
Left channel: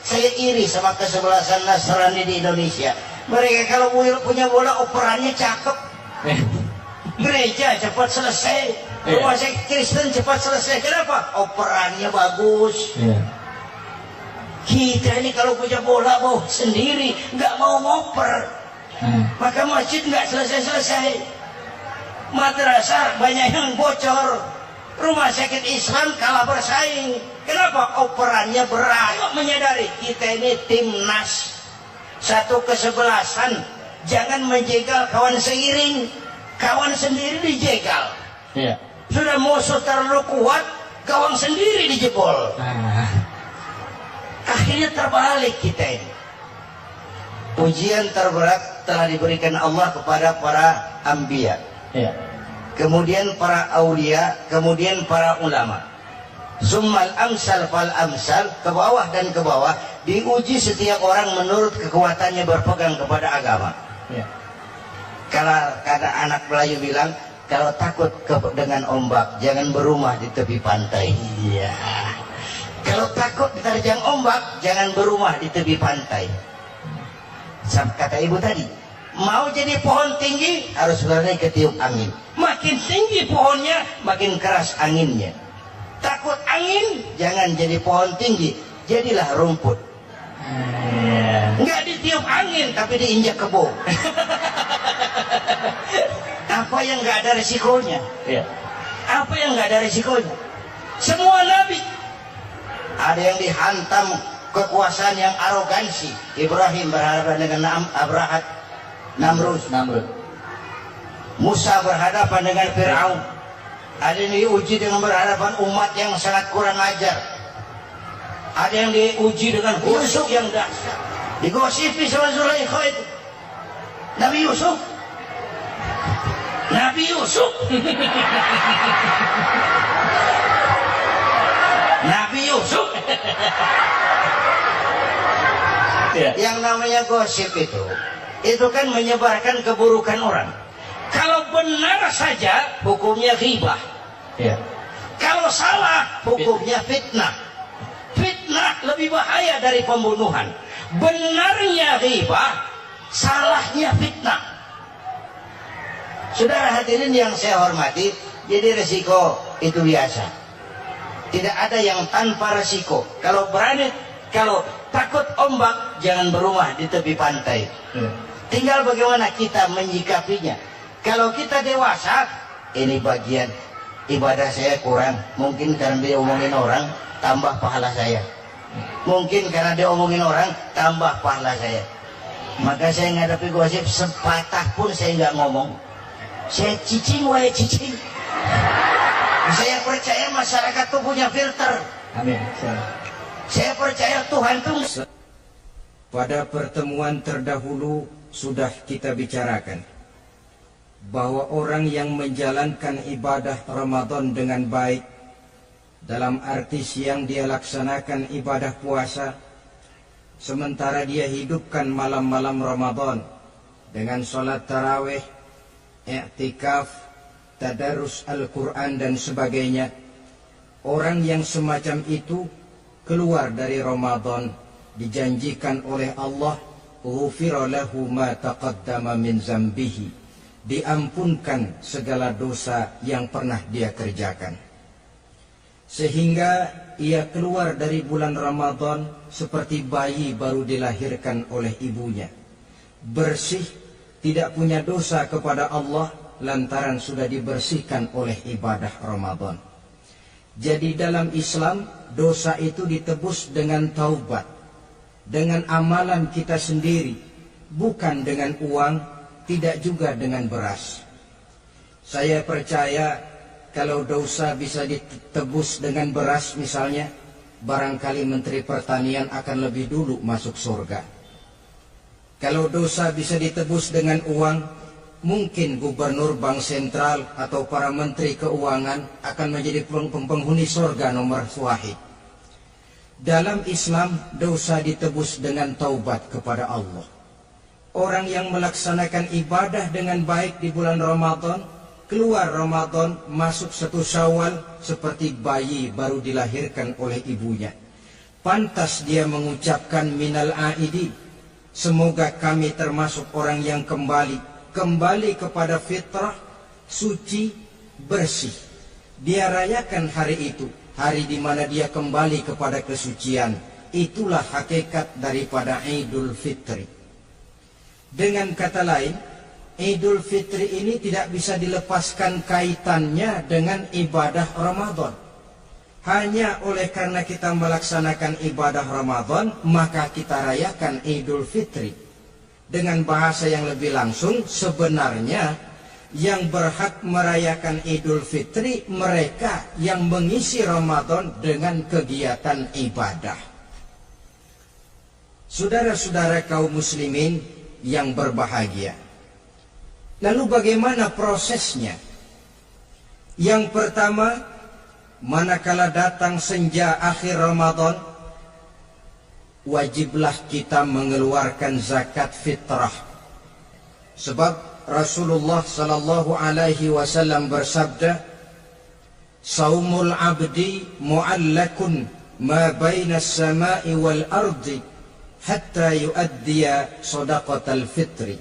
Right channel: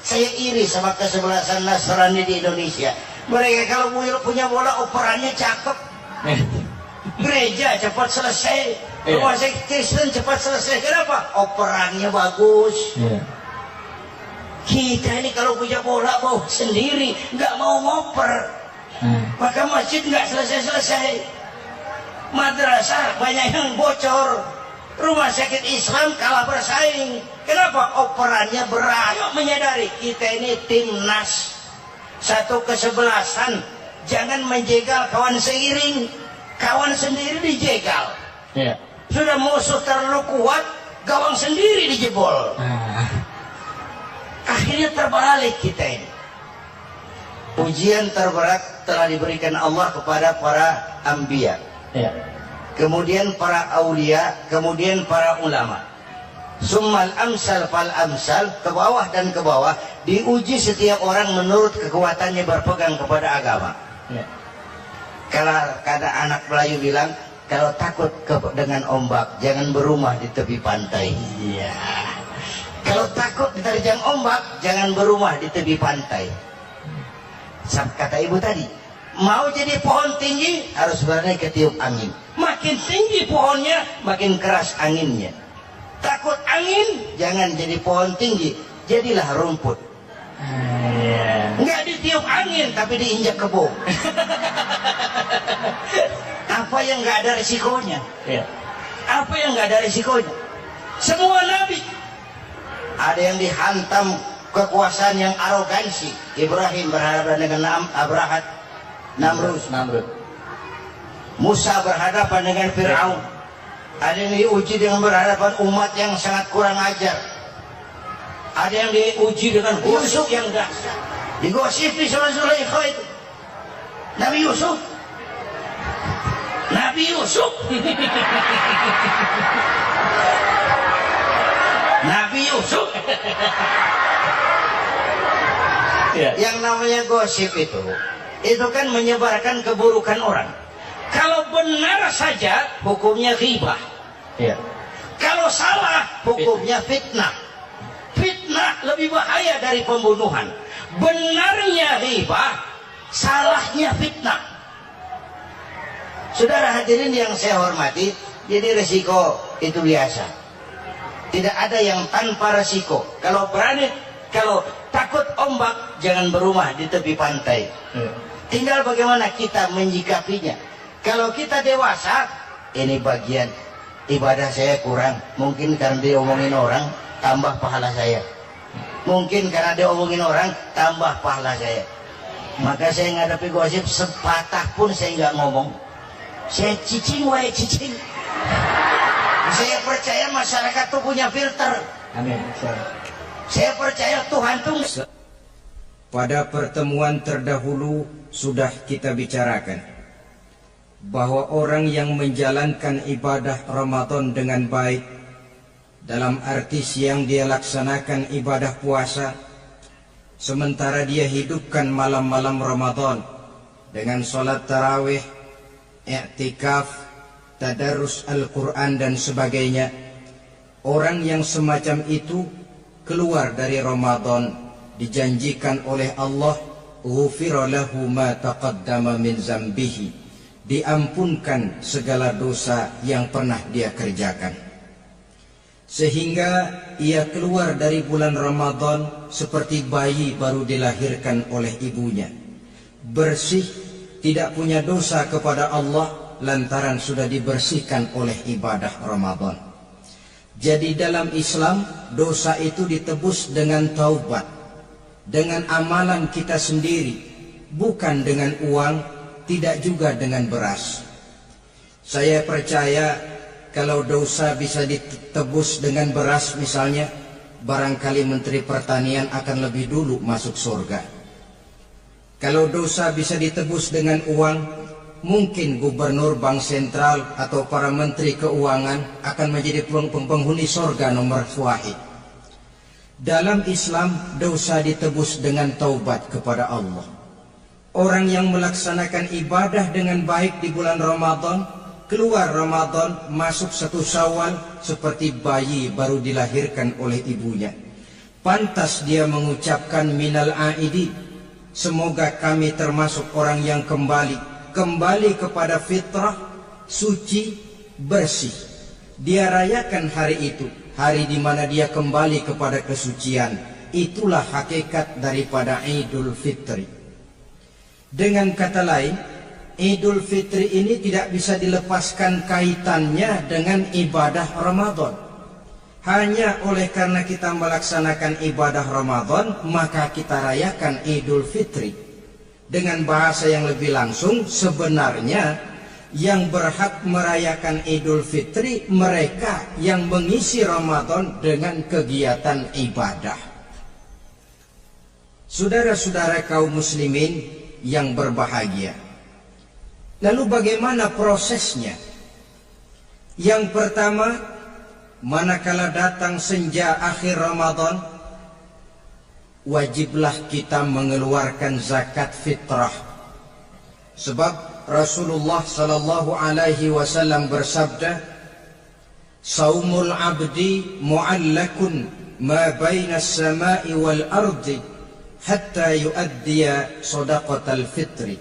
Saya iri sama kesebelasan Nasrani di Indonesia. Mereka kalau punya bola, operannya cakep. Gereja cepat selesai, rumah sakit Kristen cepat selesai. Kenapa? Operannya bagus. Kita ini kalau punya bola bawa sendiri, nggak mau ngoper. Maka masjid nggak selesai-selesai. Madrasah banyak yang bocor. Rumah sakit Islam kalah bersaing. Kenapa? Operannya berat. Ayo menyadari, kita ini timnas, satu kesebelasan. Jangan menjegal kawan seiring. Kawan sendiri dijegal. Sudah musuh terlalu kuat, gawang sendiri dijebol. Akhirnya terbalik kita ini. Ujian terberat telah diberikan Allah kepada para anbiya. Kemudian para aulia, kemudian para ulama. Summal amsal fal amsal, ke bawah dan ke bawah, diuji setiap orang menurut kekuatannya berpegang kepada agama. Kalau anak Melayu bilang, kalau takut dengan ombak, jangan berumah di tepi pantai. Kalau takut diterjang ombak, jangan berumah di tepi pantai. Kata ibu tadi, mau jadi pohon tinggi, harus berani ketiup angin. Makin tinggi pohonnya, makin keras anginnya. Takut angin, jangan jadi pohon tinggi, jadilah rumput. Nggak ditiup angin, tapi diinjak kebo. Apa yang nggak ada resikonya? Apa yang nggak ada resikonya? Semua nabi ada yang dihantam kekuasaan yang arogansi. Ibrahim berhadapan dengan Abrahat, Namrud. Musa berhadapan dengan Fir'aun. Ada yang diuji dengan berhadapan umat yang sangat kurang ajar. Ada yang diuji dengan gosip yang dahsyat. Digosipi sama Zulaikha itu. Nabi Yusuf. Nabi Yusuf. Nabi Yusuf. Ya. Yang namanya gosip itu kan menyebarkan keburukan orang. Kalau benar saja hukumnya ghibah. Iya. Kalau salah hukumnya fitnah. Fitnah lebih bahaya dari pembunuhan. Benarnya ghibah, salahnya fitnah. Saudara hadirin yang saya hormati, jadi resiko itu biasa. Tidak ada yang tanpa resiko. Kalau berani, kalau takut ombak, jangan berumah di tepi pantai. Tinggal bagaimana kita menyikapinya. Kalau kita dewasa, ini bagian ibadah saya kurang. Mungkin karena diomongin orang, tambah pahala saya. Mungkin karena diomongin orang, tambah pahala saya. Maka saya ngadapi gosip, sepatah pun saya nggak ngomong. Saya cicing, cicing. Saya percaya masyarakat itu punya filter. Amin. Saya percaya Tuhan itu. Pada pertemuan terdahulu sudah kita bicarakan bahwa orang yang menjalankan ibadah Ramadan dengan baik, dalam arti siang dia laksanakan ibadah puasa, sementara dia hidupkan malam-malam Ramadan dengan sholat tarawih, i'tikaf, tadarus Al-Quran dan sebagainya. Orang yang semacam itu keluar dari Ramadan dijanjikan oleh Allah, ghufira lahu ma taqaddama min zambihi, diampunkan segala dosa yang pernah dia kerjakan. Sehingga ia keluar dari bulan Ramadan seperti bayi baru dilahirkan oleh ibunya, bersih, tidak punya dosa kepada Allah lantaran sudah dibersihkan oleh ibadah Ramadan. Jadi dalam Islam, dosa itu ditebus dengan taubat, dengan amalan kita sendiri, bukan dengan uang, tidak juga dengan beras. Saya percaya kalau dosa bisa ditebus dengan beras misalnya, barangkali Menteri Pertanian akan lebih dulu masuk surga. Kalau dosa bisa ditebus dengan uang, mungkin Gubernur Bank Sentral atau para Menteri Keuangan akan menjadi penghuni surga nomor wahid. Dalam Islam, dosa ditebus dengan taubat kepada Allah. Orang yang melaksanakan ibadah dengan baik di bulan Ramadan, keluar Ramadan, masuk 1 Syawal seperti bayi baru dilahirkan oleh ibunya. Pantas dia mengucapkan minal aidi, semoga kami termasuk orang yang kembali kepada fitrah, suci, bersih. Dia rayakan hari itu, hari di mana dia kembali kepada kesucian. Itulah hakikat daripada Idul Fitri. Dengan kata lain, Idul Fitri ini tidak bisa dilepaskan kaitannya dengan ibadah Ramadan. Hanya oleh karena kita melaksanakan ibadah Ramadan, maka kita rayakan Idul Fitri. Dengan bahasa yang lebih langsung, sebenarnya yang berhak merayakan Idul Fitri mereka yang mengisi Ramadan dengan kegiatan ibadah. Saudara-saudara kaum muslimin yang berbahagia, lalu bagaimana prosesnya? Yang pertama, manakala datang senja akhir Ramadan, wajiblah kita mengeluarkan zakat fitrah. Sebab Rasulullah sallallahu alaihi wasallam bersabda, "Saumul 'abdi mu'allakun ma baina as-sama'i wal ardi hatta yuaddiya shadaqatal fitri."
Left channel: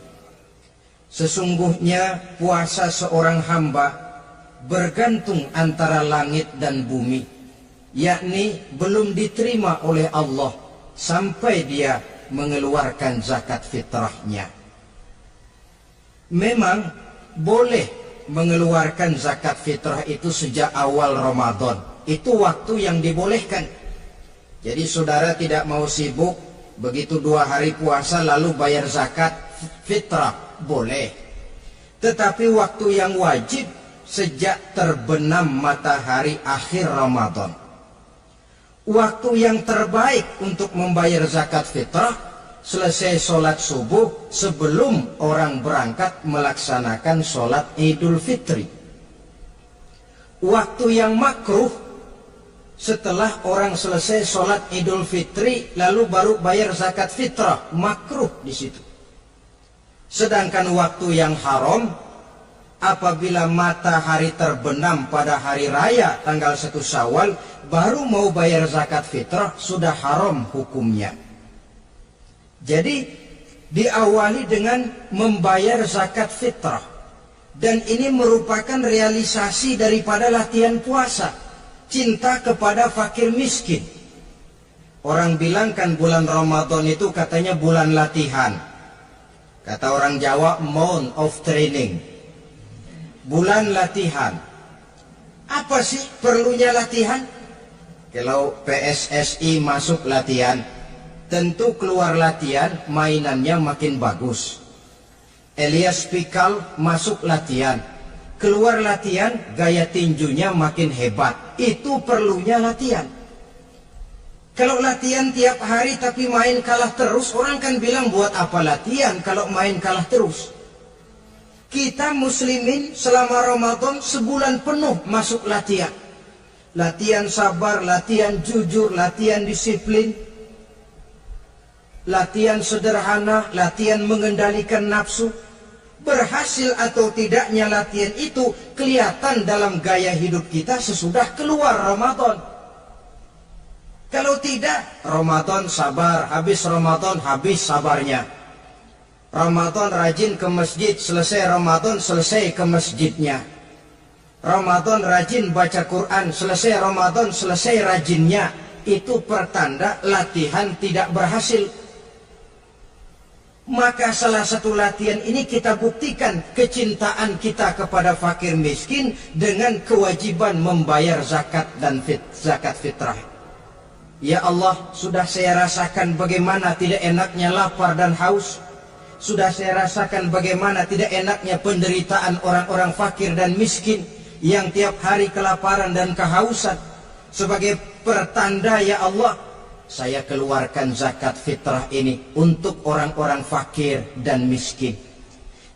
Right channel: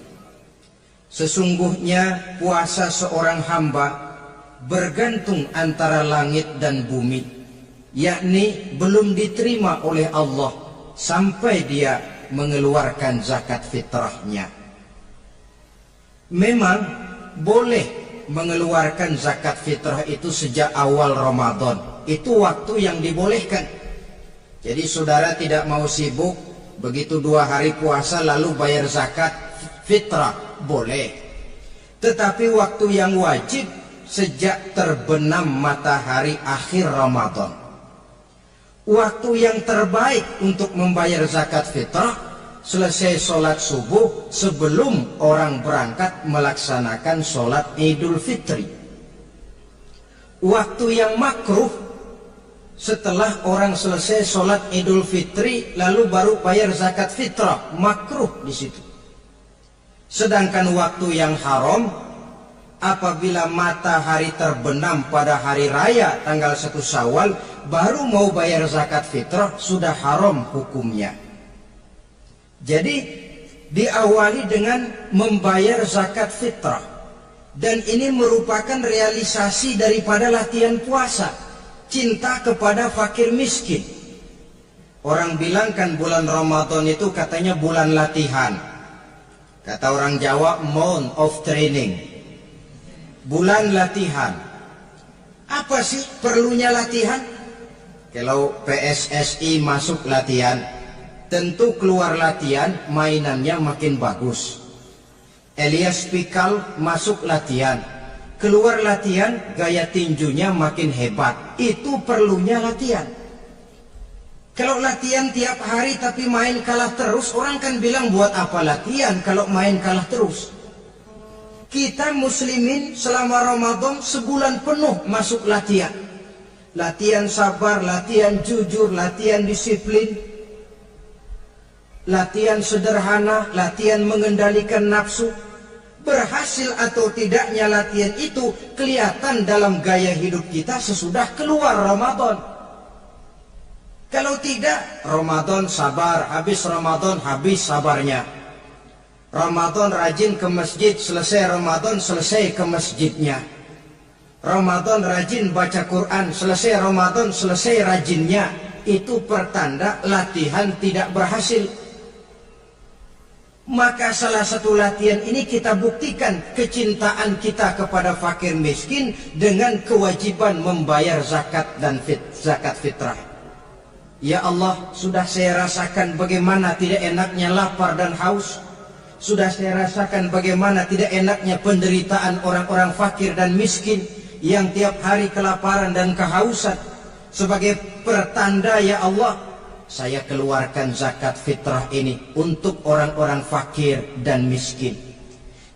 Sesungguhnya puasa seorang hamba bergantung antara langit dan bumi, yakni belum diterima oleh Allah sampai dia mengeluarkan zakat fitrahnya. Memang boleh mengeluarkan zakat fitrah itu sejak awal Ramadan. Itu waktu yang dibolehkan. Jadi saudara tidak mau sibuk, begitu 2 hari puasa lalu bayar zakat fitrah. boleh. Tetapi waktu yang wajib sejak terbenam matahari akhir Ramadan. Waktu yang terbaik untuk membayar zakat fitrah selesai sholat subuh sebelum orang berangkat melaksanakan sholat Idul Fitri. Waktu yang makruh setelah orang selesai sholat Idul Fitri lalu baru bayar zakat fitrah, makruh di situ. Sedangkan waktu yang haram apabila matahari terbenam pada hari raya tanggal 1 Syawal baru mau bayar zakat fitrah, sudah haram hukumnya. Jadi diawali dengan membayar zakat fitrah, dan ini merupakan realisasi daripada latihan puasa, cinta kepada fakir miskin. Orang bilang kan bulan Ramadan itu katanya bulan latihan. Kata orang Jawa, month of training. Bulan latihan. Apa sih perlunya latihan? Kalau PSSI masuk latihan, tentu keluar latihan mainannya makin bagus. Elias Pikal masuk latihan, keluar latihan gaya tinjunya makin hebat. Itu perlunya latihan. Kalau latihan tiap hari tapi main kalah terus, orang kan bilang buat apa latihan kalau main kalah terus. Kita muslimin selama Ramadan sebulan penuh masuk latihan. Latihan sabar, latihan jujur, latihan disiplin, latihan sederhana, latihan mengendalikan nafsu. Berhasil atau tidaknya latihan itu kelihatan dalam gaya hidup kita sesudah keluar Ramadan. Kalau tidak, Ramadan sabar, habis Ramadan habis sabarnya. Ramadan rajin ke masjid, selesai Ramadan selesai ke masjidnya. Ramadan rajin baca Quran, selesai Ramadan selesai rajinnya. Itu pertanda latihan tidak berhasil. Maka salah satu latihan ini kita buktikan kecintaan kita kepada fakir miskin dengan kewajiban membayar zakat dan zakat fitrah. Ya Allah, sudah saya rasakan bagaimana tidak enaknya lapar dan haus. Sudah saya rasakan bagaimana tidak enaknya penderitaan orang-orang fakir dan miskin yang tiap hari kelaparan dan kehausan. Sebagai pertanda ya Allah, saya keluarkan zakat fitrah ini untuk orang-orang fakir dan miskin.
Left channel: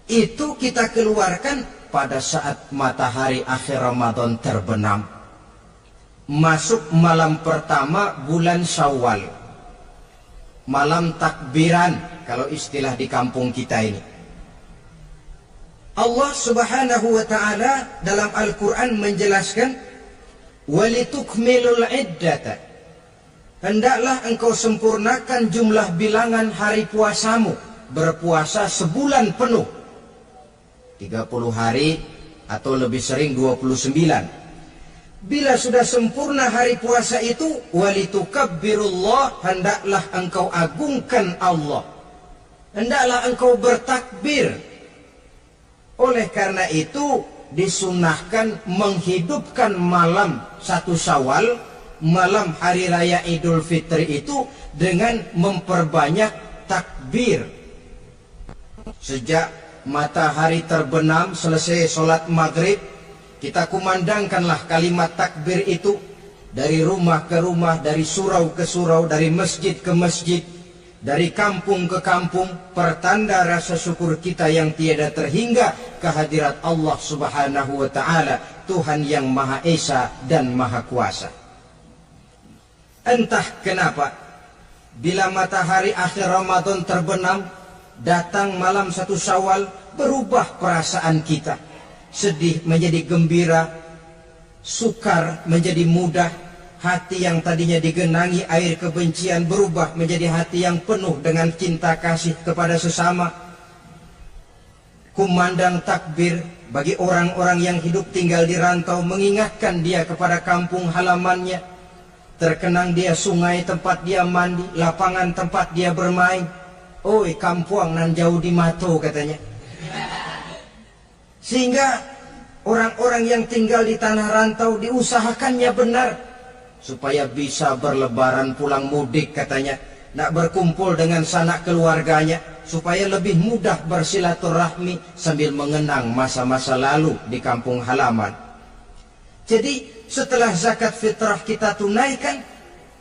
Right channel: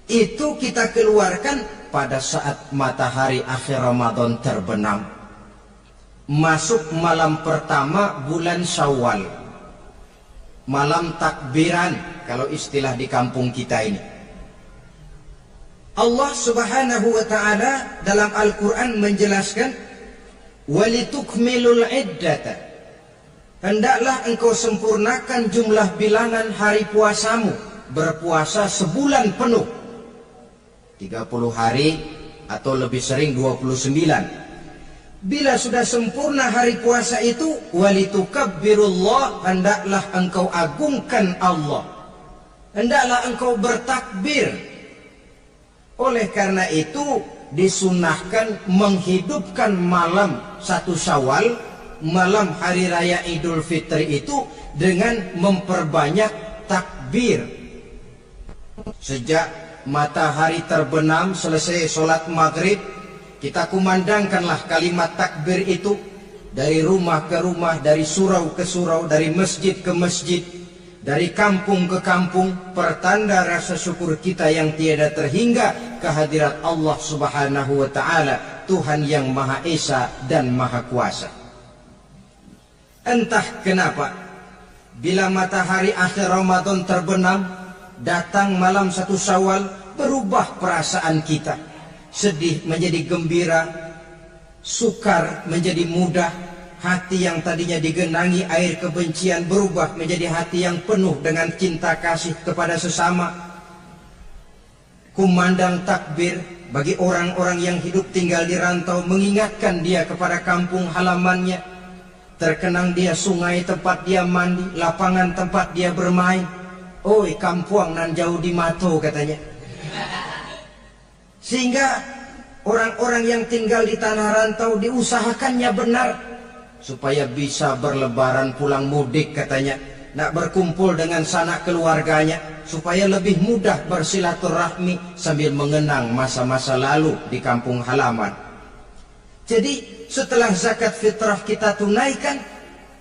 Itu kita keluarkan pada saat matahari akhir Ramadan terbenam. Masuk malam pertama bulan Syawal. Malam takbiran kalau istilah di kampung kita ini. Allah Subhanahu wa taala dalam Al-Qur'an menjelaskan walitukmilul iddata. Hendaklah engkau sempurnakan jumlah bilangan hari puasamu. Berpuasa sebulan penuh. 30 hari atau lebih sering 29. Bila sudah sempurna hari puasa itu, walitukabbirullah, hendaklah engkau agungkan Allah. Hendaklah engkau bertakbir. Oleh karena itu disunahkan menghidupkan malam 1 Syawal, malam hari raya Idul Fitri itu dengan memperbanyak takbir. Sejak matahari terbenam selesai sholat maghrib, kita kumandangkanlah kalimat takbir itu dari rumah ke rumah, dari surau ke surau, dari masjid ke masjid, dari kampung ke kampung, pertanda rasa syukur kita yang tiada terhingga kehadirat Allah Subhanahu wa taala, Tuhan yang Maha Esa dan Maha Kuasa. Entah kenapa bila matahari akhir Ramadan terbenam, datang malam 1 Syawal, berubah perasaan kita. Sedih menjadi gembira, sukar menjadi mudah, hati yang tadinya digenangi air kebencian berubah menjadi hati yang penuh dengan cinta kasih kepada sesama. Kumandang takbir bagi orang-orang yang hidup tinggal di rantau, mengingatkan dia kepada kampung halamannya. Terkenang dia sungai tempat dia mandi, lapangan tempat dia bermain. Oi kampuang nan jauh di mato katanya. Sehingga orang-orang yang tinggal di tanah rantau diusahakannya benar supaya bisa berlebaran pulang mudik katanya. nak berkumpul dengan sanak keluarganya supaya lebih mudah bersilaturahmi sambil mengenang masa-masa lalu di kampung halaman. Jadi setelah zakat fitrah kita tunaikan,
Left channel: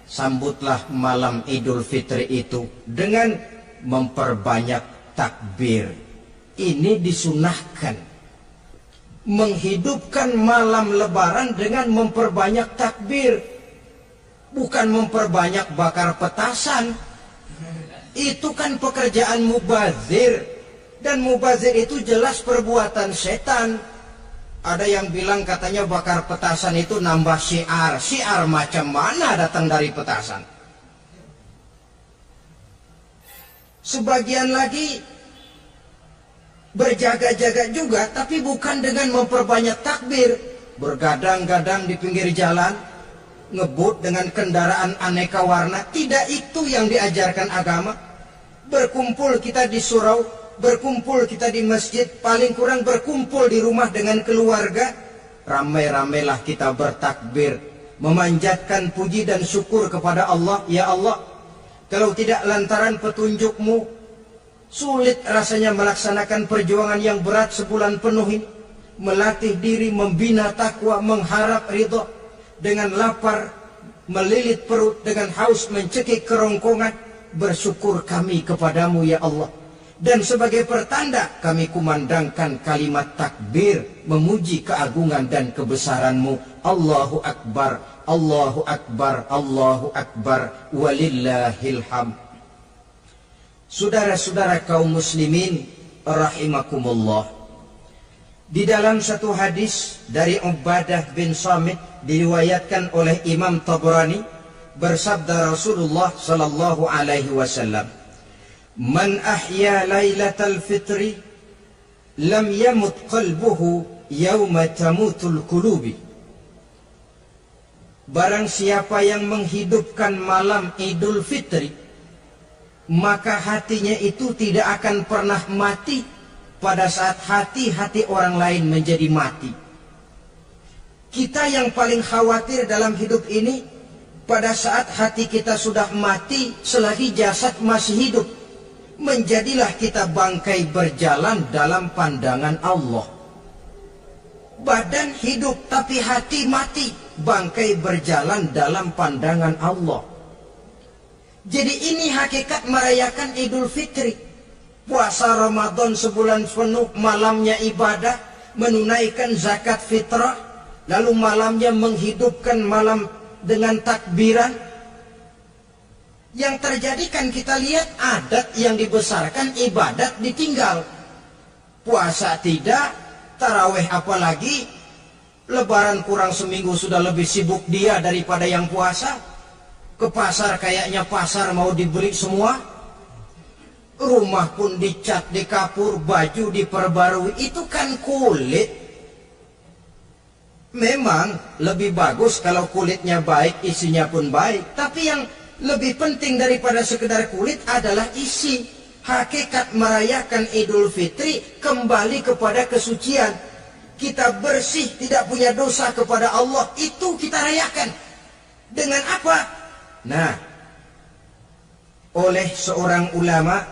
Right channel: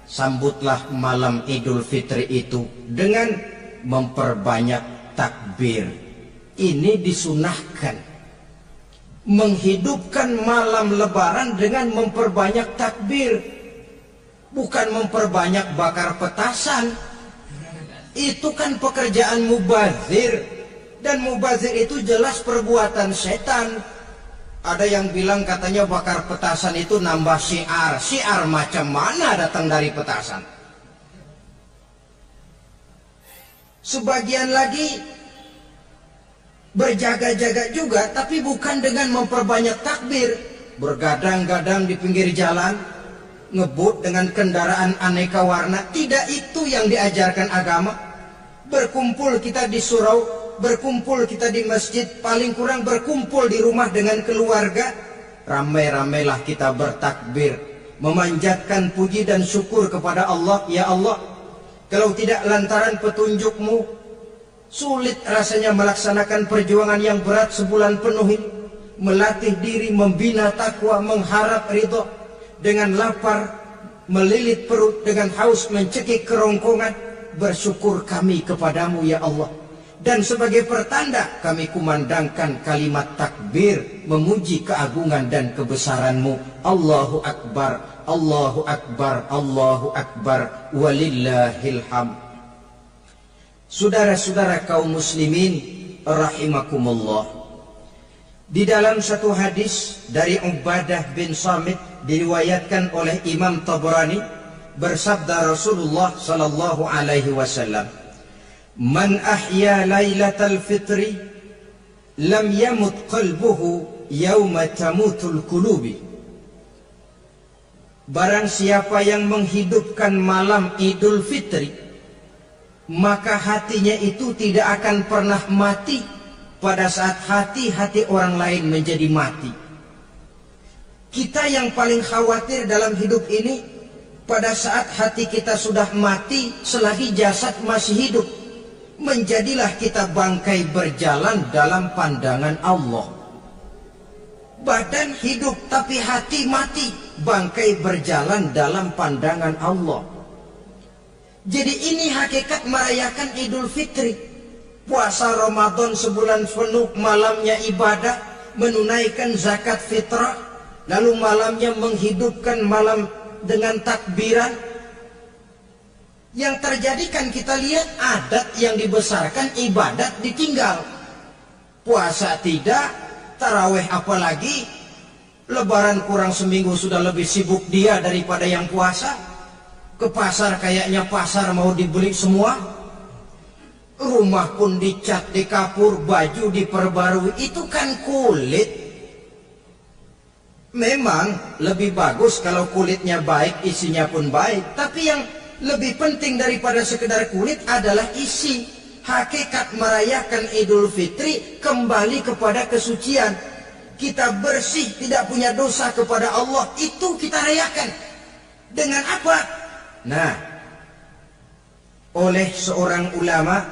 sambutlah malam Idul Fitri itu dengan memperbanyak takbir. Ini disunahkan. Menghidupkan malam lebaran dengan memperbanyak takbir, bukan memperbanyak bakar petasan. Itu kan pekerjaan mubazir, dan mubazir itu jelas perbuatan setan. Ada yang bilang katanya bakar petasan itu nambah syiar. Syiar macam mana datang dari petasan? Sebagian lagi berjaga-jaga juga, tapi bukan dengan memperbanyak takbir. Bergadang-gadang di pinggir jalan, ngebut dengan kendaraan aneka warna. Tidak itu yang diajarkan agama. Berkumpul kita di surau, berkumpul kita di masjid, paling kurang berkumpul di rumah dengan keluarga. Ramai-ramailah kita bertakbir, memanjatkan puji dan syukur kepada Allah. Ya Allah, kalau tidak lantaran petunjukmu, sulit rasanya melaksanakan perjuangan yang berat sebulan penuh ini. Melatih diri, membina takwa, mengharap ridho. Dengan lapar, melilit perut, dengan haus, mencekik kerongkongan. Bersyukur kami kepadamu ya Allah. Dan sebagai pertanda kami kumandangkan kalimat takbir, memuji keagungan dan kebesaranmu. Allahu Akbar, Allahu Akbar, Allahu Akbar, walillahil hamd. Saudara-saudara kaum muslimin rahimakumullah, di dalam satu hadis dari Ubadah bin Samit diriwayatkan oleh Imam Tabrani, bersabda Rasulullah sallallahu alaihi wasallam, "Man ahya lailatal fitri lam yamut qalbuhu yauma tamutul qulubi." Barang siapa yang menghidupkan malam Idul Fitri, maka hatinya itu tidak akan pernah mati pada saat hati-hati orang lain menjadi mati. Kita yang paling khawatir dalam hidup ini, pada saat hati kita sudah mati selagi jasad masih hidup. Menjadilah kita bangkai berjalan dalam pandangan Allah. Badan hidup tapi hati mati, bangkai berjalan dalam pandangan Allah. Jadi ini hakikat merayakan Idul Fitri. Puasa Ramadan sebulan penuh, malamnya ibadah, menunaikan zakat fitrah, lalu malamnya menghidupkan malam dengan takbiran. Yang terjadi kan kita lihat adat yang dibesarkan, ibadat ditinggal. Puasa tidak, taraweh apalagi, lebaran kurang seminggu sudah lebih sibuk dia daripada yang puasa. Ke pasar kayaknya pasar mau dibeli semua. Rumah pun dicat, dikapur, baju diperbarui. Itu kan kulit. Memang lebih bagus kalau kulitnya baik, isinya pun baik. Tapi yang lebih penting daripada sekedar kulit adalah isi. Hakikat merayakan Idul Fitri kembali kepada kesucian. Kita bersih, tidak punya dosa kepada Allah. Itu kita rayakan. Dengan apa? Nah, oleh seorang ulama,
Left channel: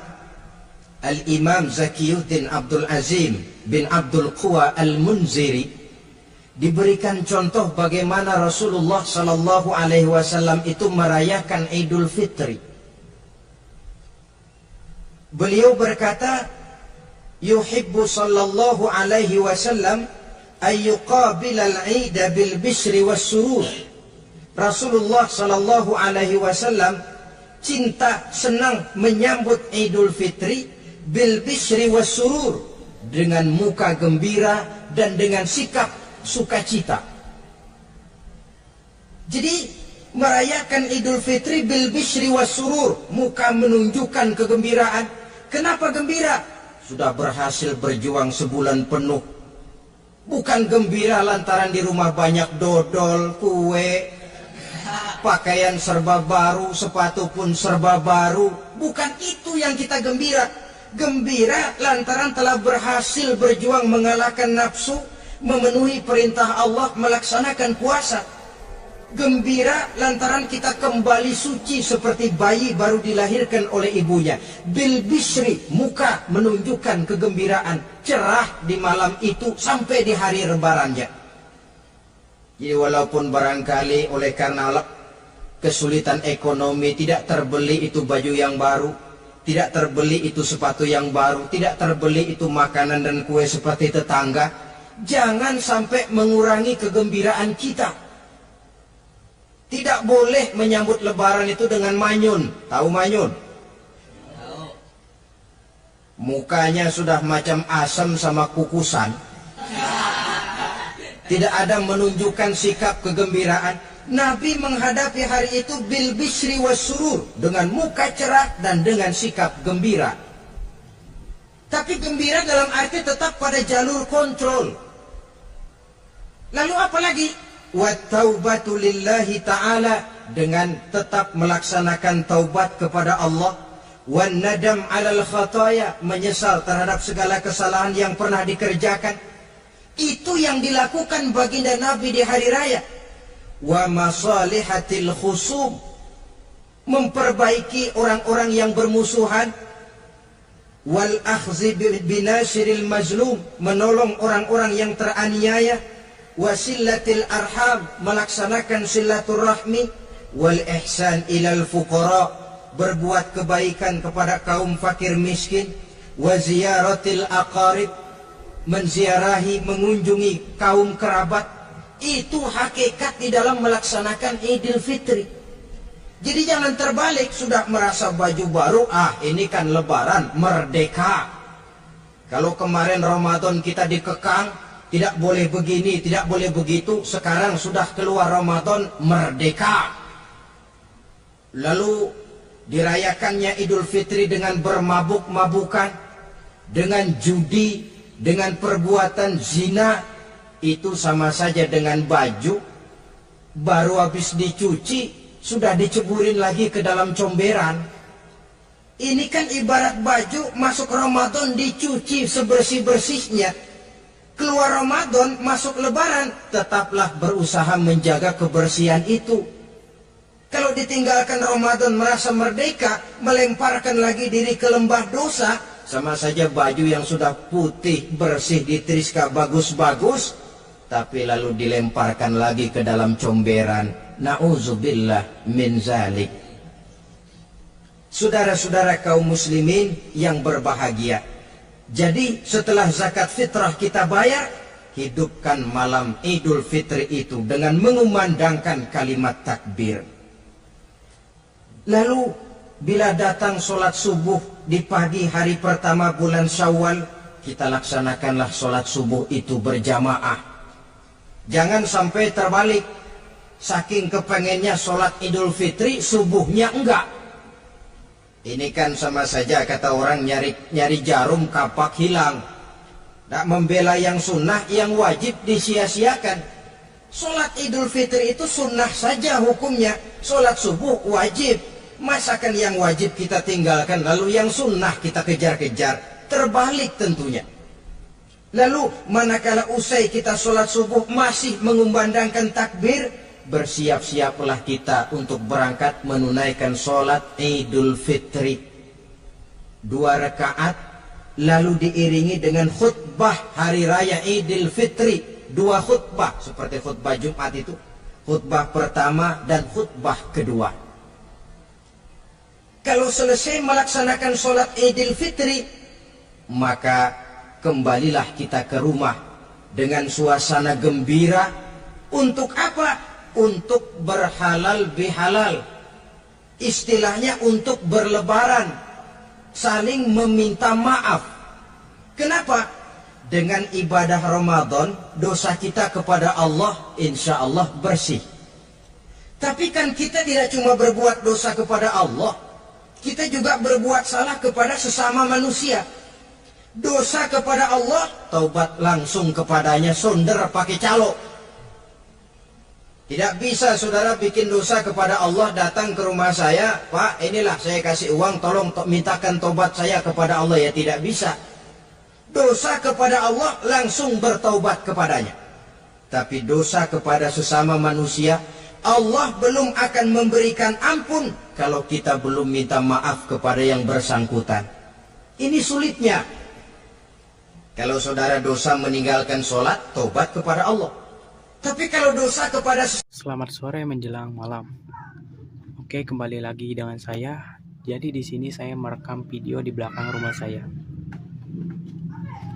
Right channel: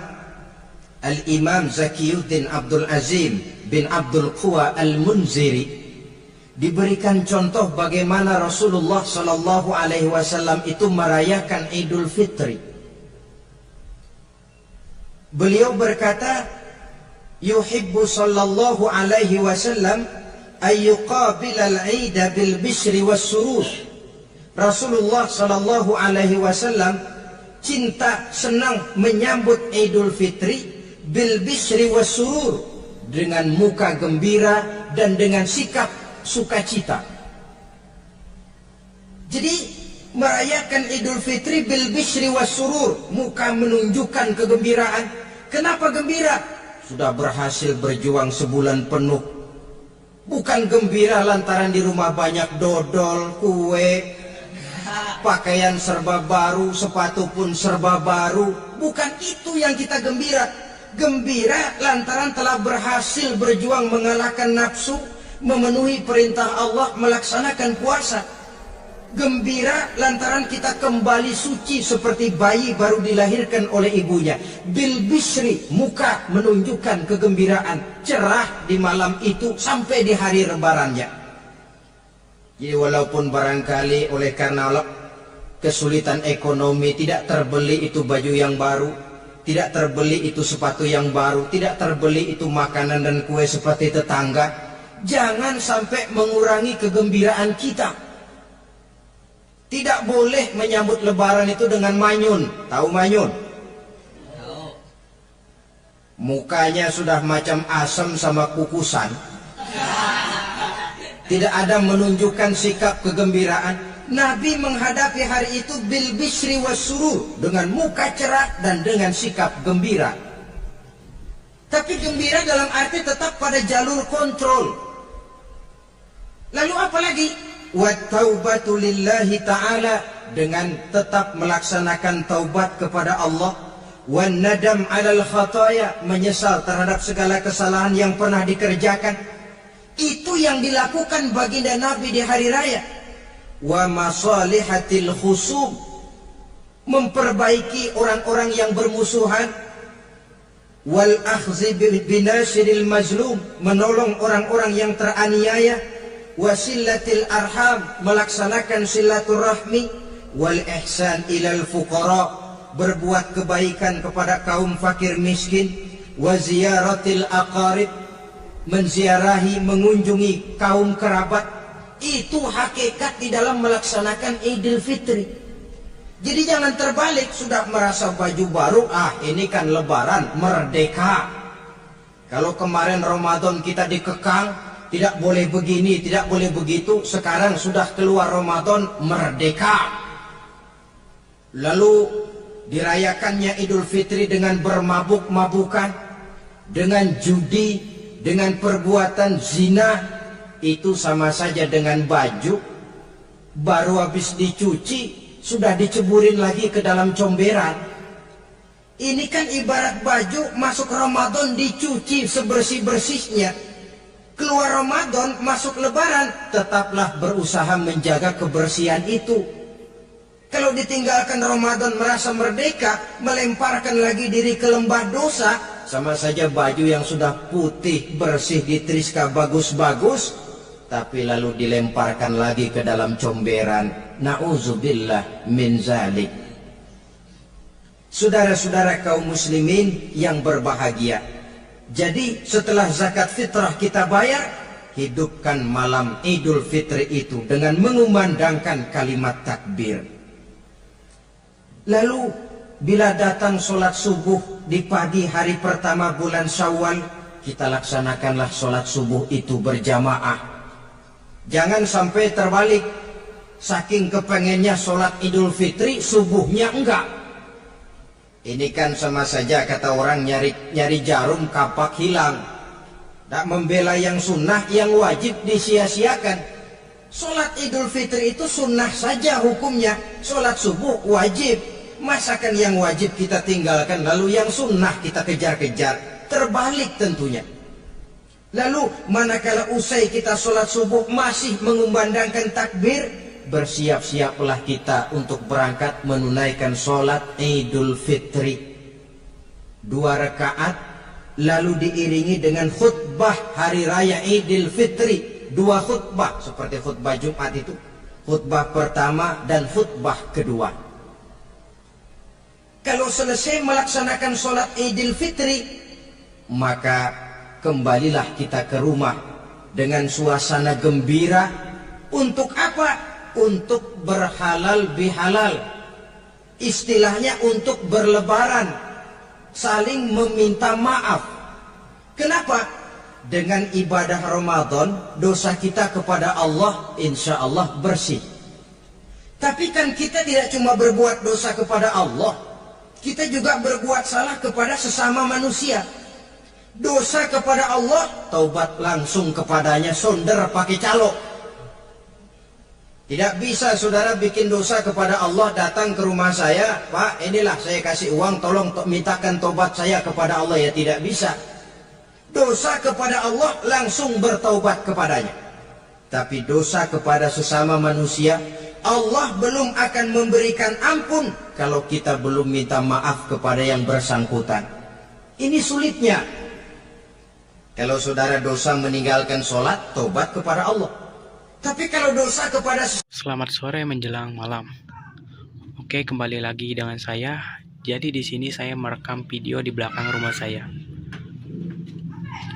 Al-Imam Zakiyuddin Abdul Azim bin Abdul Quwa Al-Munziri, diberikan contoh bagaimana Rasulullah sallallahu alaihi wasallam itu merayakan Idul Fitri. Beliau berkata, yuhibbu sallallahu alaihi wasallam ayyuqabilal 'ida bil bishri was surur. Rasulullah sallallahu alaihi wasallam cinta, senang menyambut Idul Fitri bil bishri was surur, dengan muka gembira dan dengan sikap sukacita. Jadi merayakan Idul Fitri bil bishri was surur, muka menunjukkan kegembiraan. Kenapa gembira? Sudah berhasil berjuang sebulan penuh. Bukan gembira lantaran di rumah banyak dodol, kue, pakaian serba baru, sepatu pun serba baru. Bukan itu yang kita gembira. Gembira lantaran telah berhasil berjuang mengalahkan nafsu, memenuhi perintah Allah, melaksanakan puasa. Gembira lantaran kita kembali suci seperti bayi baru dilahirkan oleh ibunya. Bil bisri, muka menunjukkan kegembiraan, cerah di malam itu sampai di hari lebarannya. Jadi walaupun barangkali oleh karena kesulitan ekonomi tidak terbeli itu baju yang baru, tidak terbeli itu sepatu yang baru, tidak terbeli itu makanan dan kue seperti tetangga, jangan sampai mengurangi kegembiraan kita. Tidak boleh menyambut lebaran itu dengan manyun. Tahu manyun? Mukanya sudah macam asam sama kukusan. Tidak ada menunjukkan sikap kegembiraan. Nabi menghadapi hari itu bil bisri wasurur, dengan muka cerah dan dengan sikap gembira. Tapi gembira dalam arti tetap pada jalur kontrol. Lalu apa lagi? Wa taubatu lillahi ta'ala, dengan tetap melaksanakan taubat kepada Allah. Wan nadam 'alal khataya, menyesal terhadap segala kesalahan yang pernah dikerjakan. Itu yang dilakukan baginda Nabi di hari raya. Wa masalihatil khusum, memperbaiki orang-orang yang bermusuhan. Wal akhzi binasiril mazlum, menolong orang-orang yang teraniaya. Wasillatil arham, melaksanakan silaturahmi. Wal ihsan ilal fuqara, berbuat kebaikan kepada kaum fakir miskin. Wa ziyaratil aqarib, menziarahi, mengunjungi kaum kerabat. Itu hakikat di dalam melaksanakan Idul Fitri. Jadi jangan terbalik, sudah merasa baju baru, ini kan lebaran, merdeka. Kalau kemarin Ramadan kita dikekang, tidak boleh begini, tidak boleh begitu. Sekarang sudah keluar Ramadan, merdeka. Lalu dirayakannya Idul Fitri dengan bermabuk-mabukan, dengan judi, dengan perbuatan zina. Itu sama saja dengan baju baru habis dicuci sudah diceburin lagi ke dalam comberan. Ini kan ibarat baju masuk Ramadan dicuci sebersih-bersihnya. Keluar Ramadan, masuk lebaran, tetaplah berusaha menjaga kebersihan itu. Kalau ditinggalkan Ramadan merasa merdeka, melemparkan lagi diri ke lembah dosa, sama saja baju yang sudah putih, bersih, ditriska bagus-bagus, tapi lalu dilemparkan lagi ke dalam comberan. Na'udzubillah min zalik. Saudara-saudara kaum muslimin yang berbahagia, jadi setelah zakat fitrah kita bayar, hidupkan malam Idul Fitri itu dengan mengumandangkan kalimat takbir. Lalu bila datang sholat subuh di pagi hari pertama bulan Syawal, kita laksanakanlah sholat subuh itu berjamaah. Jangan sampai terbalik, saking kepengennya sholat Idul Fitri, subuhnya enggak. Ini kan sama saja kata orang nyari jarum kapak hilang. Tak membela yang sunnah, yang wajib disia-siakan. Sholat Idul Fitri itu sunnah saja hukumnya. Sholat subuh wajib. Masakan yang wajib kita tinggalkan, lalu yang sunnah kita kejar-kejar. Terbalik tentunya. Lalu manakala usai kita sholat subuh masih mengumandangkan takbir, bersiap-siaplah kita untuk berangkat menunaikan sholat Idul Fitri. 2 rakaat, lalu diiringi dengan khutbah hari raya Idul Fitri. 2 khutbah, seperti khutbah Jumat itu. Khutbah pertama dan khutbah kedua. Kalau selesai melaksanakan sholat Idul Fitri, maka kembalilah kita ke rumah dengan suasana gembira. Untuk apa? Untuk berhalal bihalal. Istilahnya untuk berlebaran, saling meminta maaf. Kenapa? Dengan ibadah Ramadan, dosa kita kepada Allah insya Allah bersih. Tapi kan kita tidak cuma berbuat dosa kepada Allah, kita juga berbuat salah kepada sesama manusia. Dosa kepada Allah, taubat langsung kepadanya, sonder pakai calo. Tidak bisa saudara bikin dosa kepada Allah, datang ke rumah saya, Pak inilah saya kasih uang, tolong mintakan tobat saya kepada Allah. Ya tidak bisa. Dosa kepada Allah langsung bertaubat kepadanya. Tapi dosa kepada sesama manusia, Allah belum akan memberikan ampun kalau kita belum minta maaf kepada yang bersangkutan. Ini sulitnya. Kalau saudara dosa meninggalkan sholat, tobat kepada Allah. Tapi kalau dosa kepada Selamat sore menjelang malam. Oke, kembali lagi dengan saya. Jadi di sini saya merekam video di belakang rumah saya.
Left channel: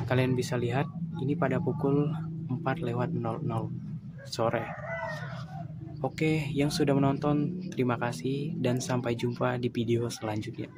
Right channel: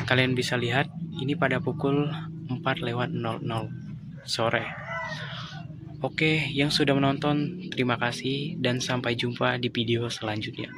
Kalian bisa lihat ini pada pukul 4:00 sore. Oke, yang sudah menonton terima kasih dan sampai jumpa di video selanjutnya.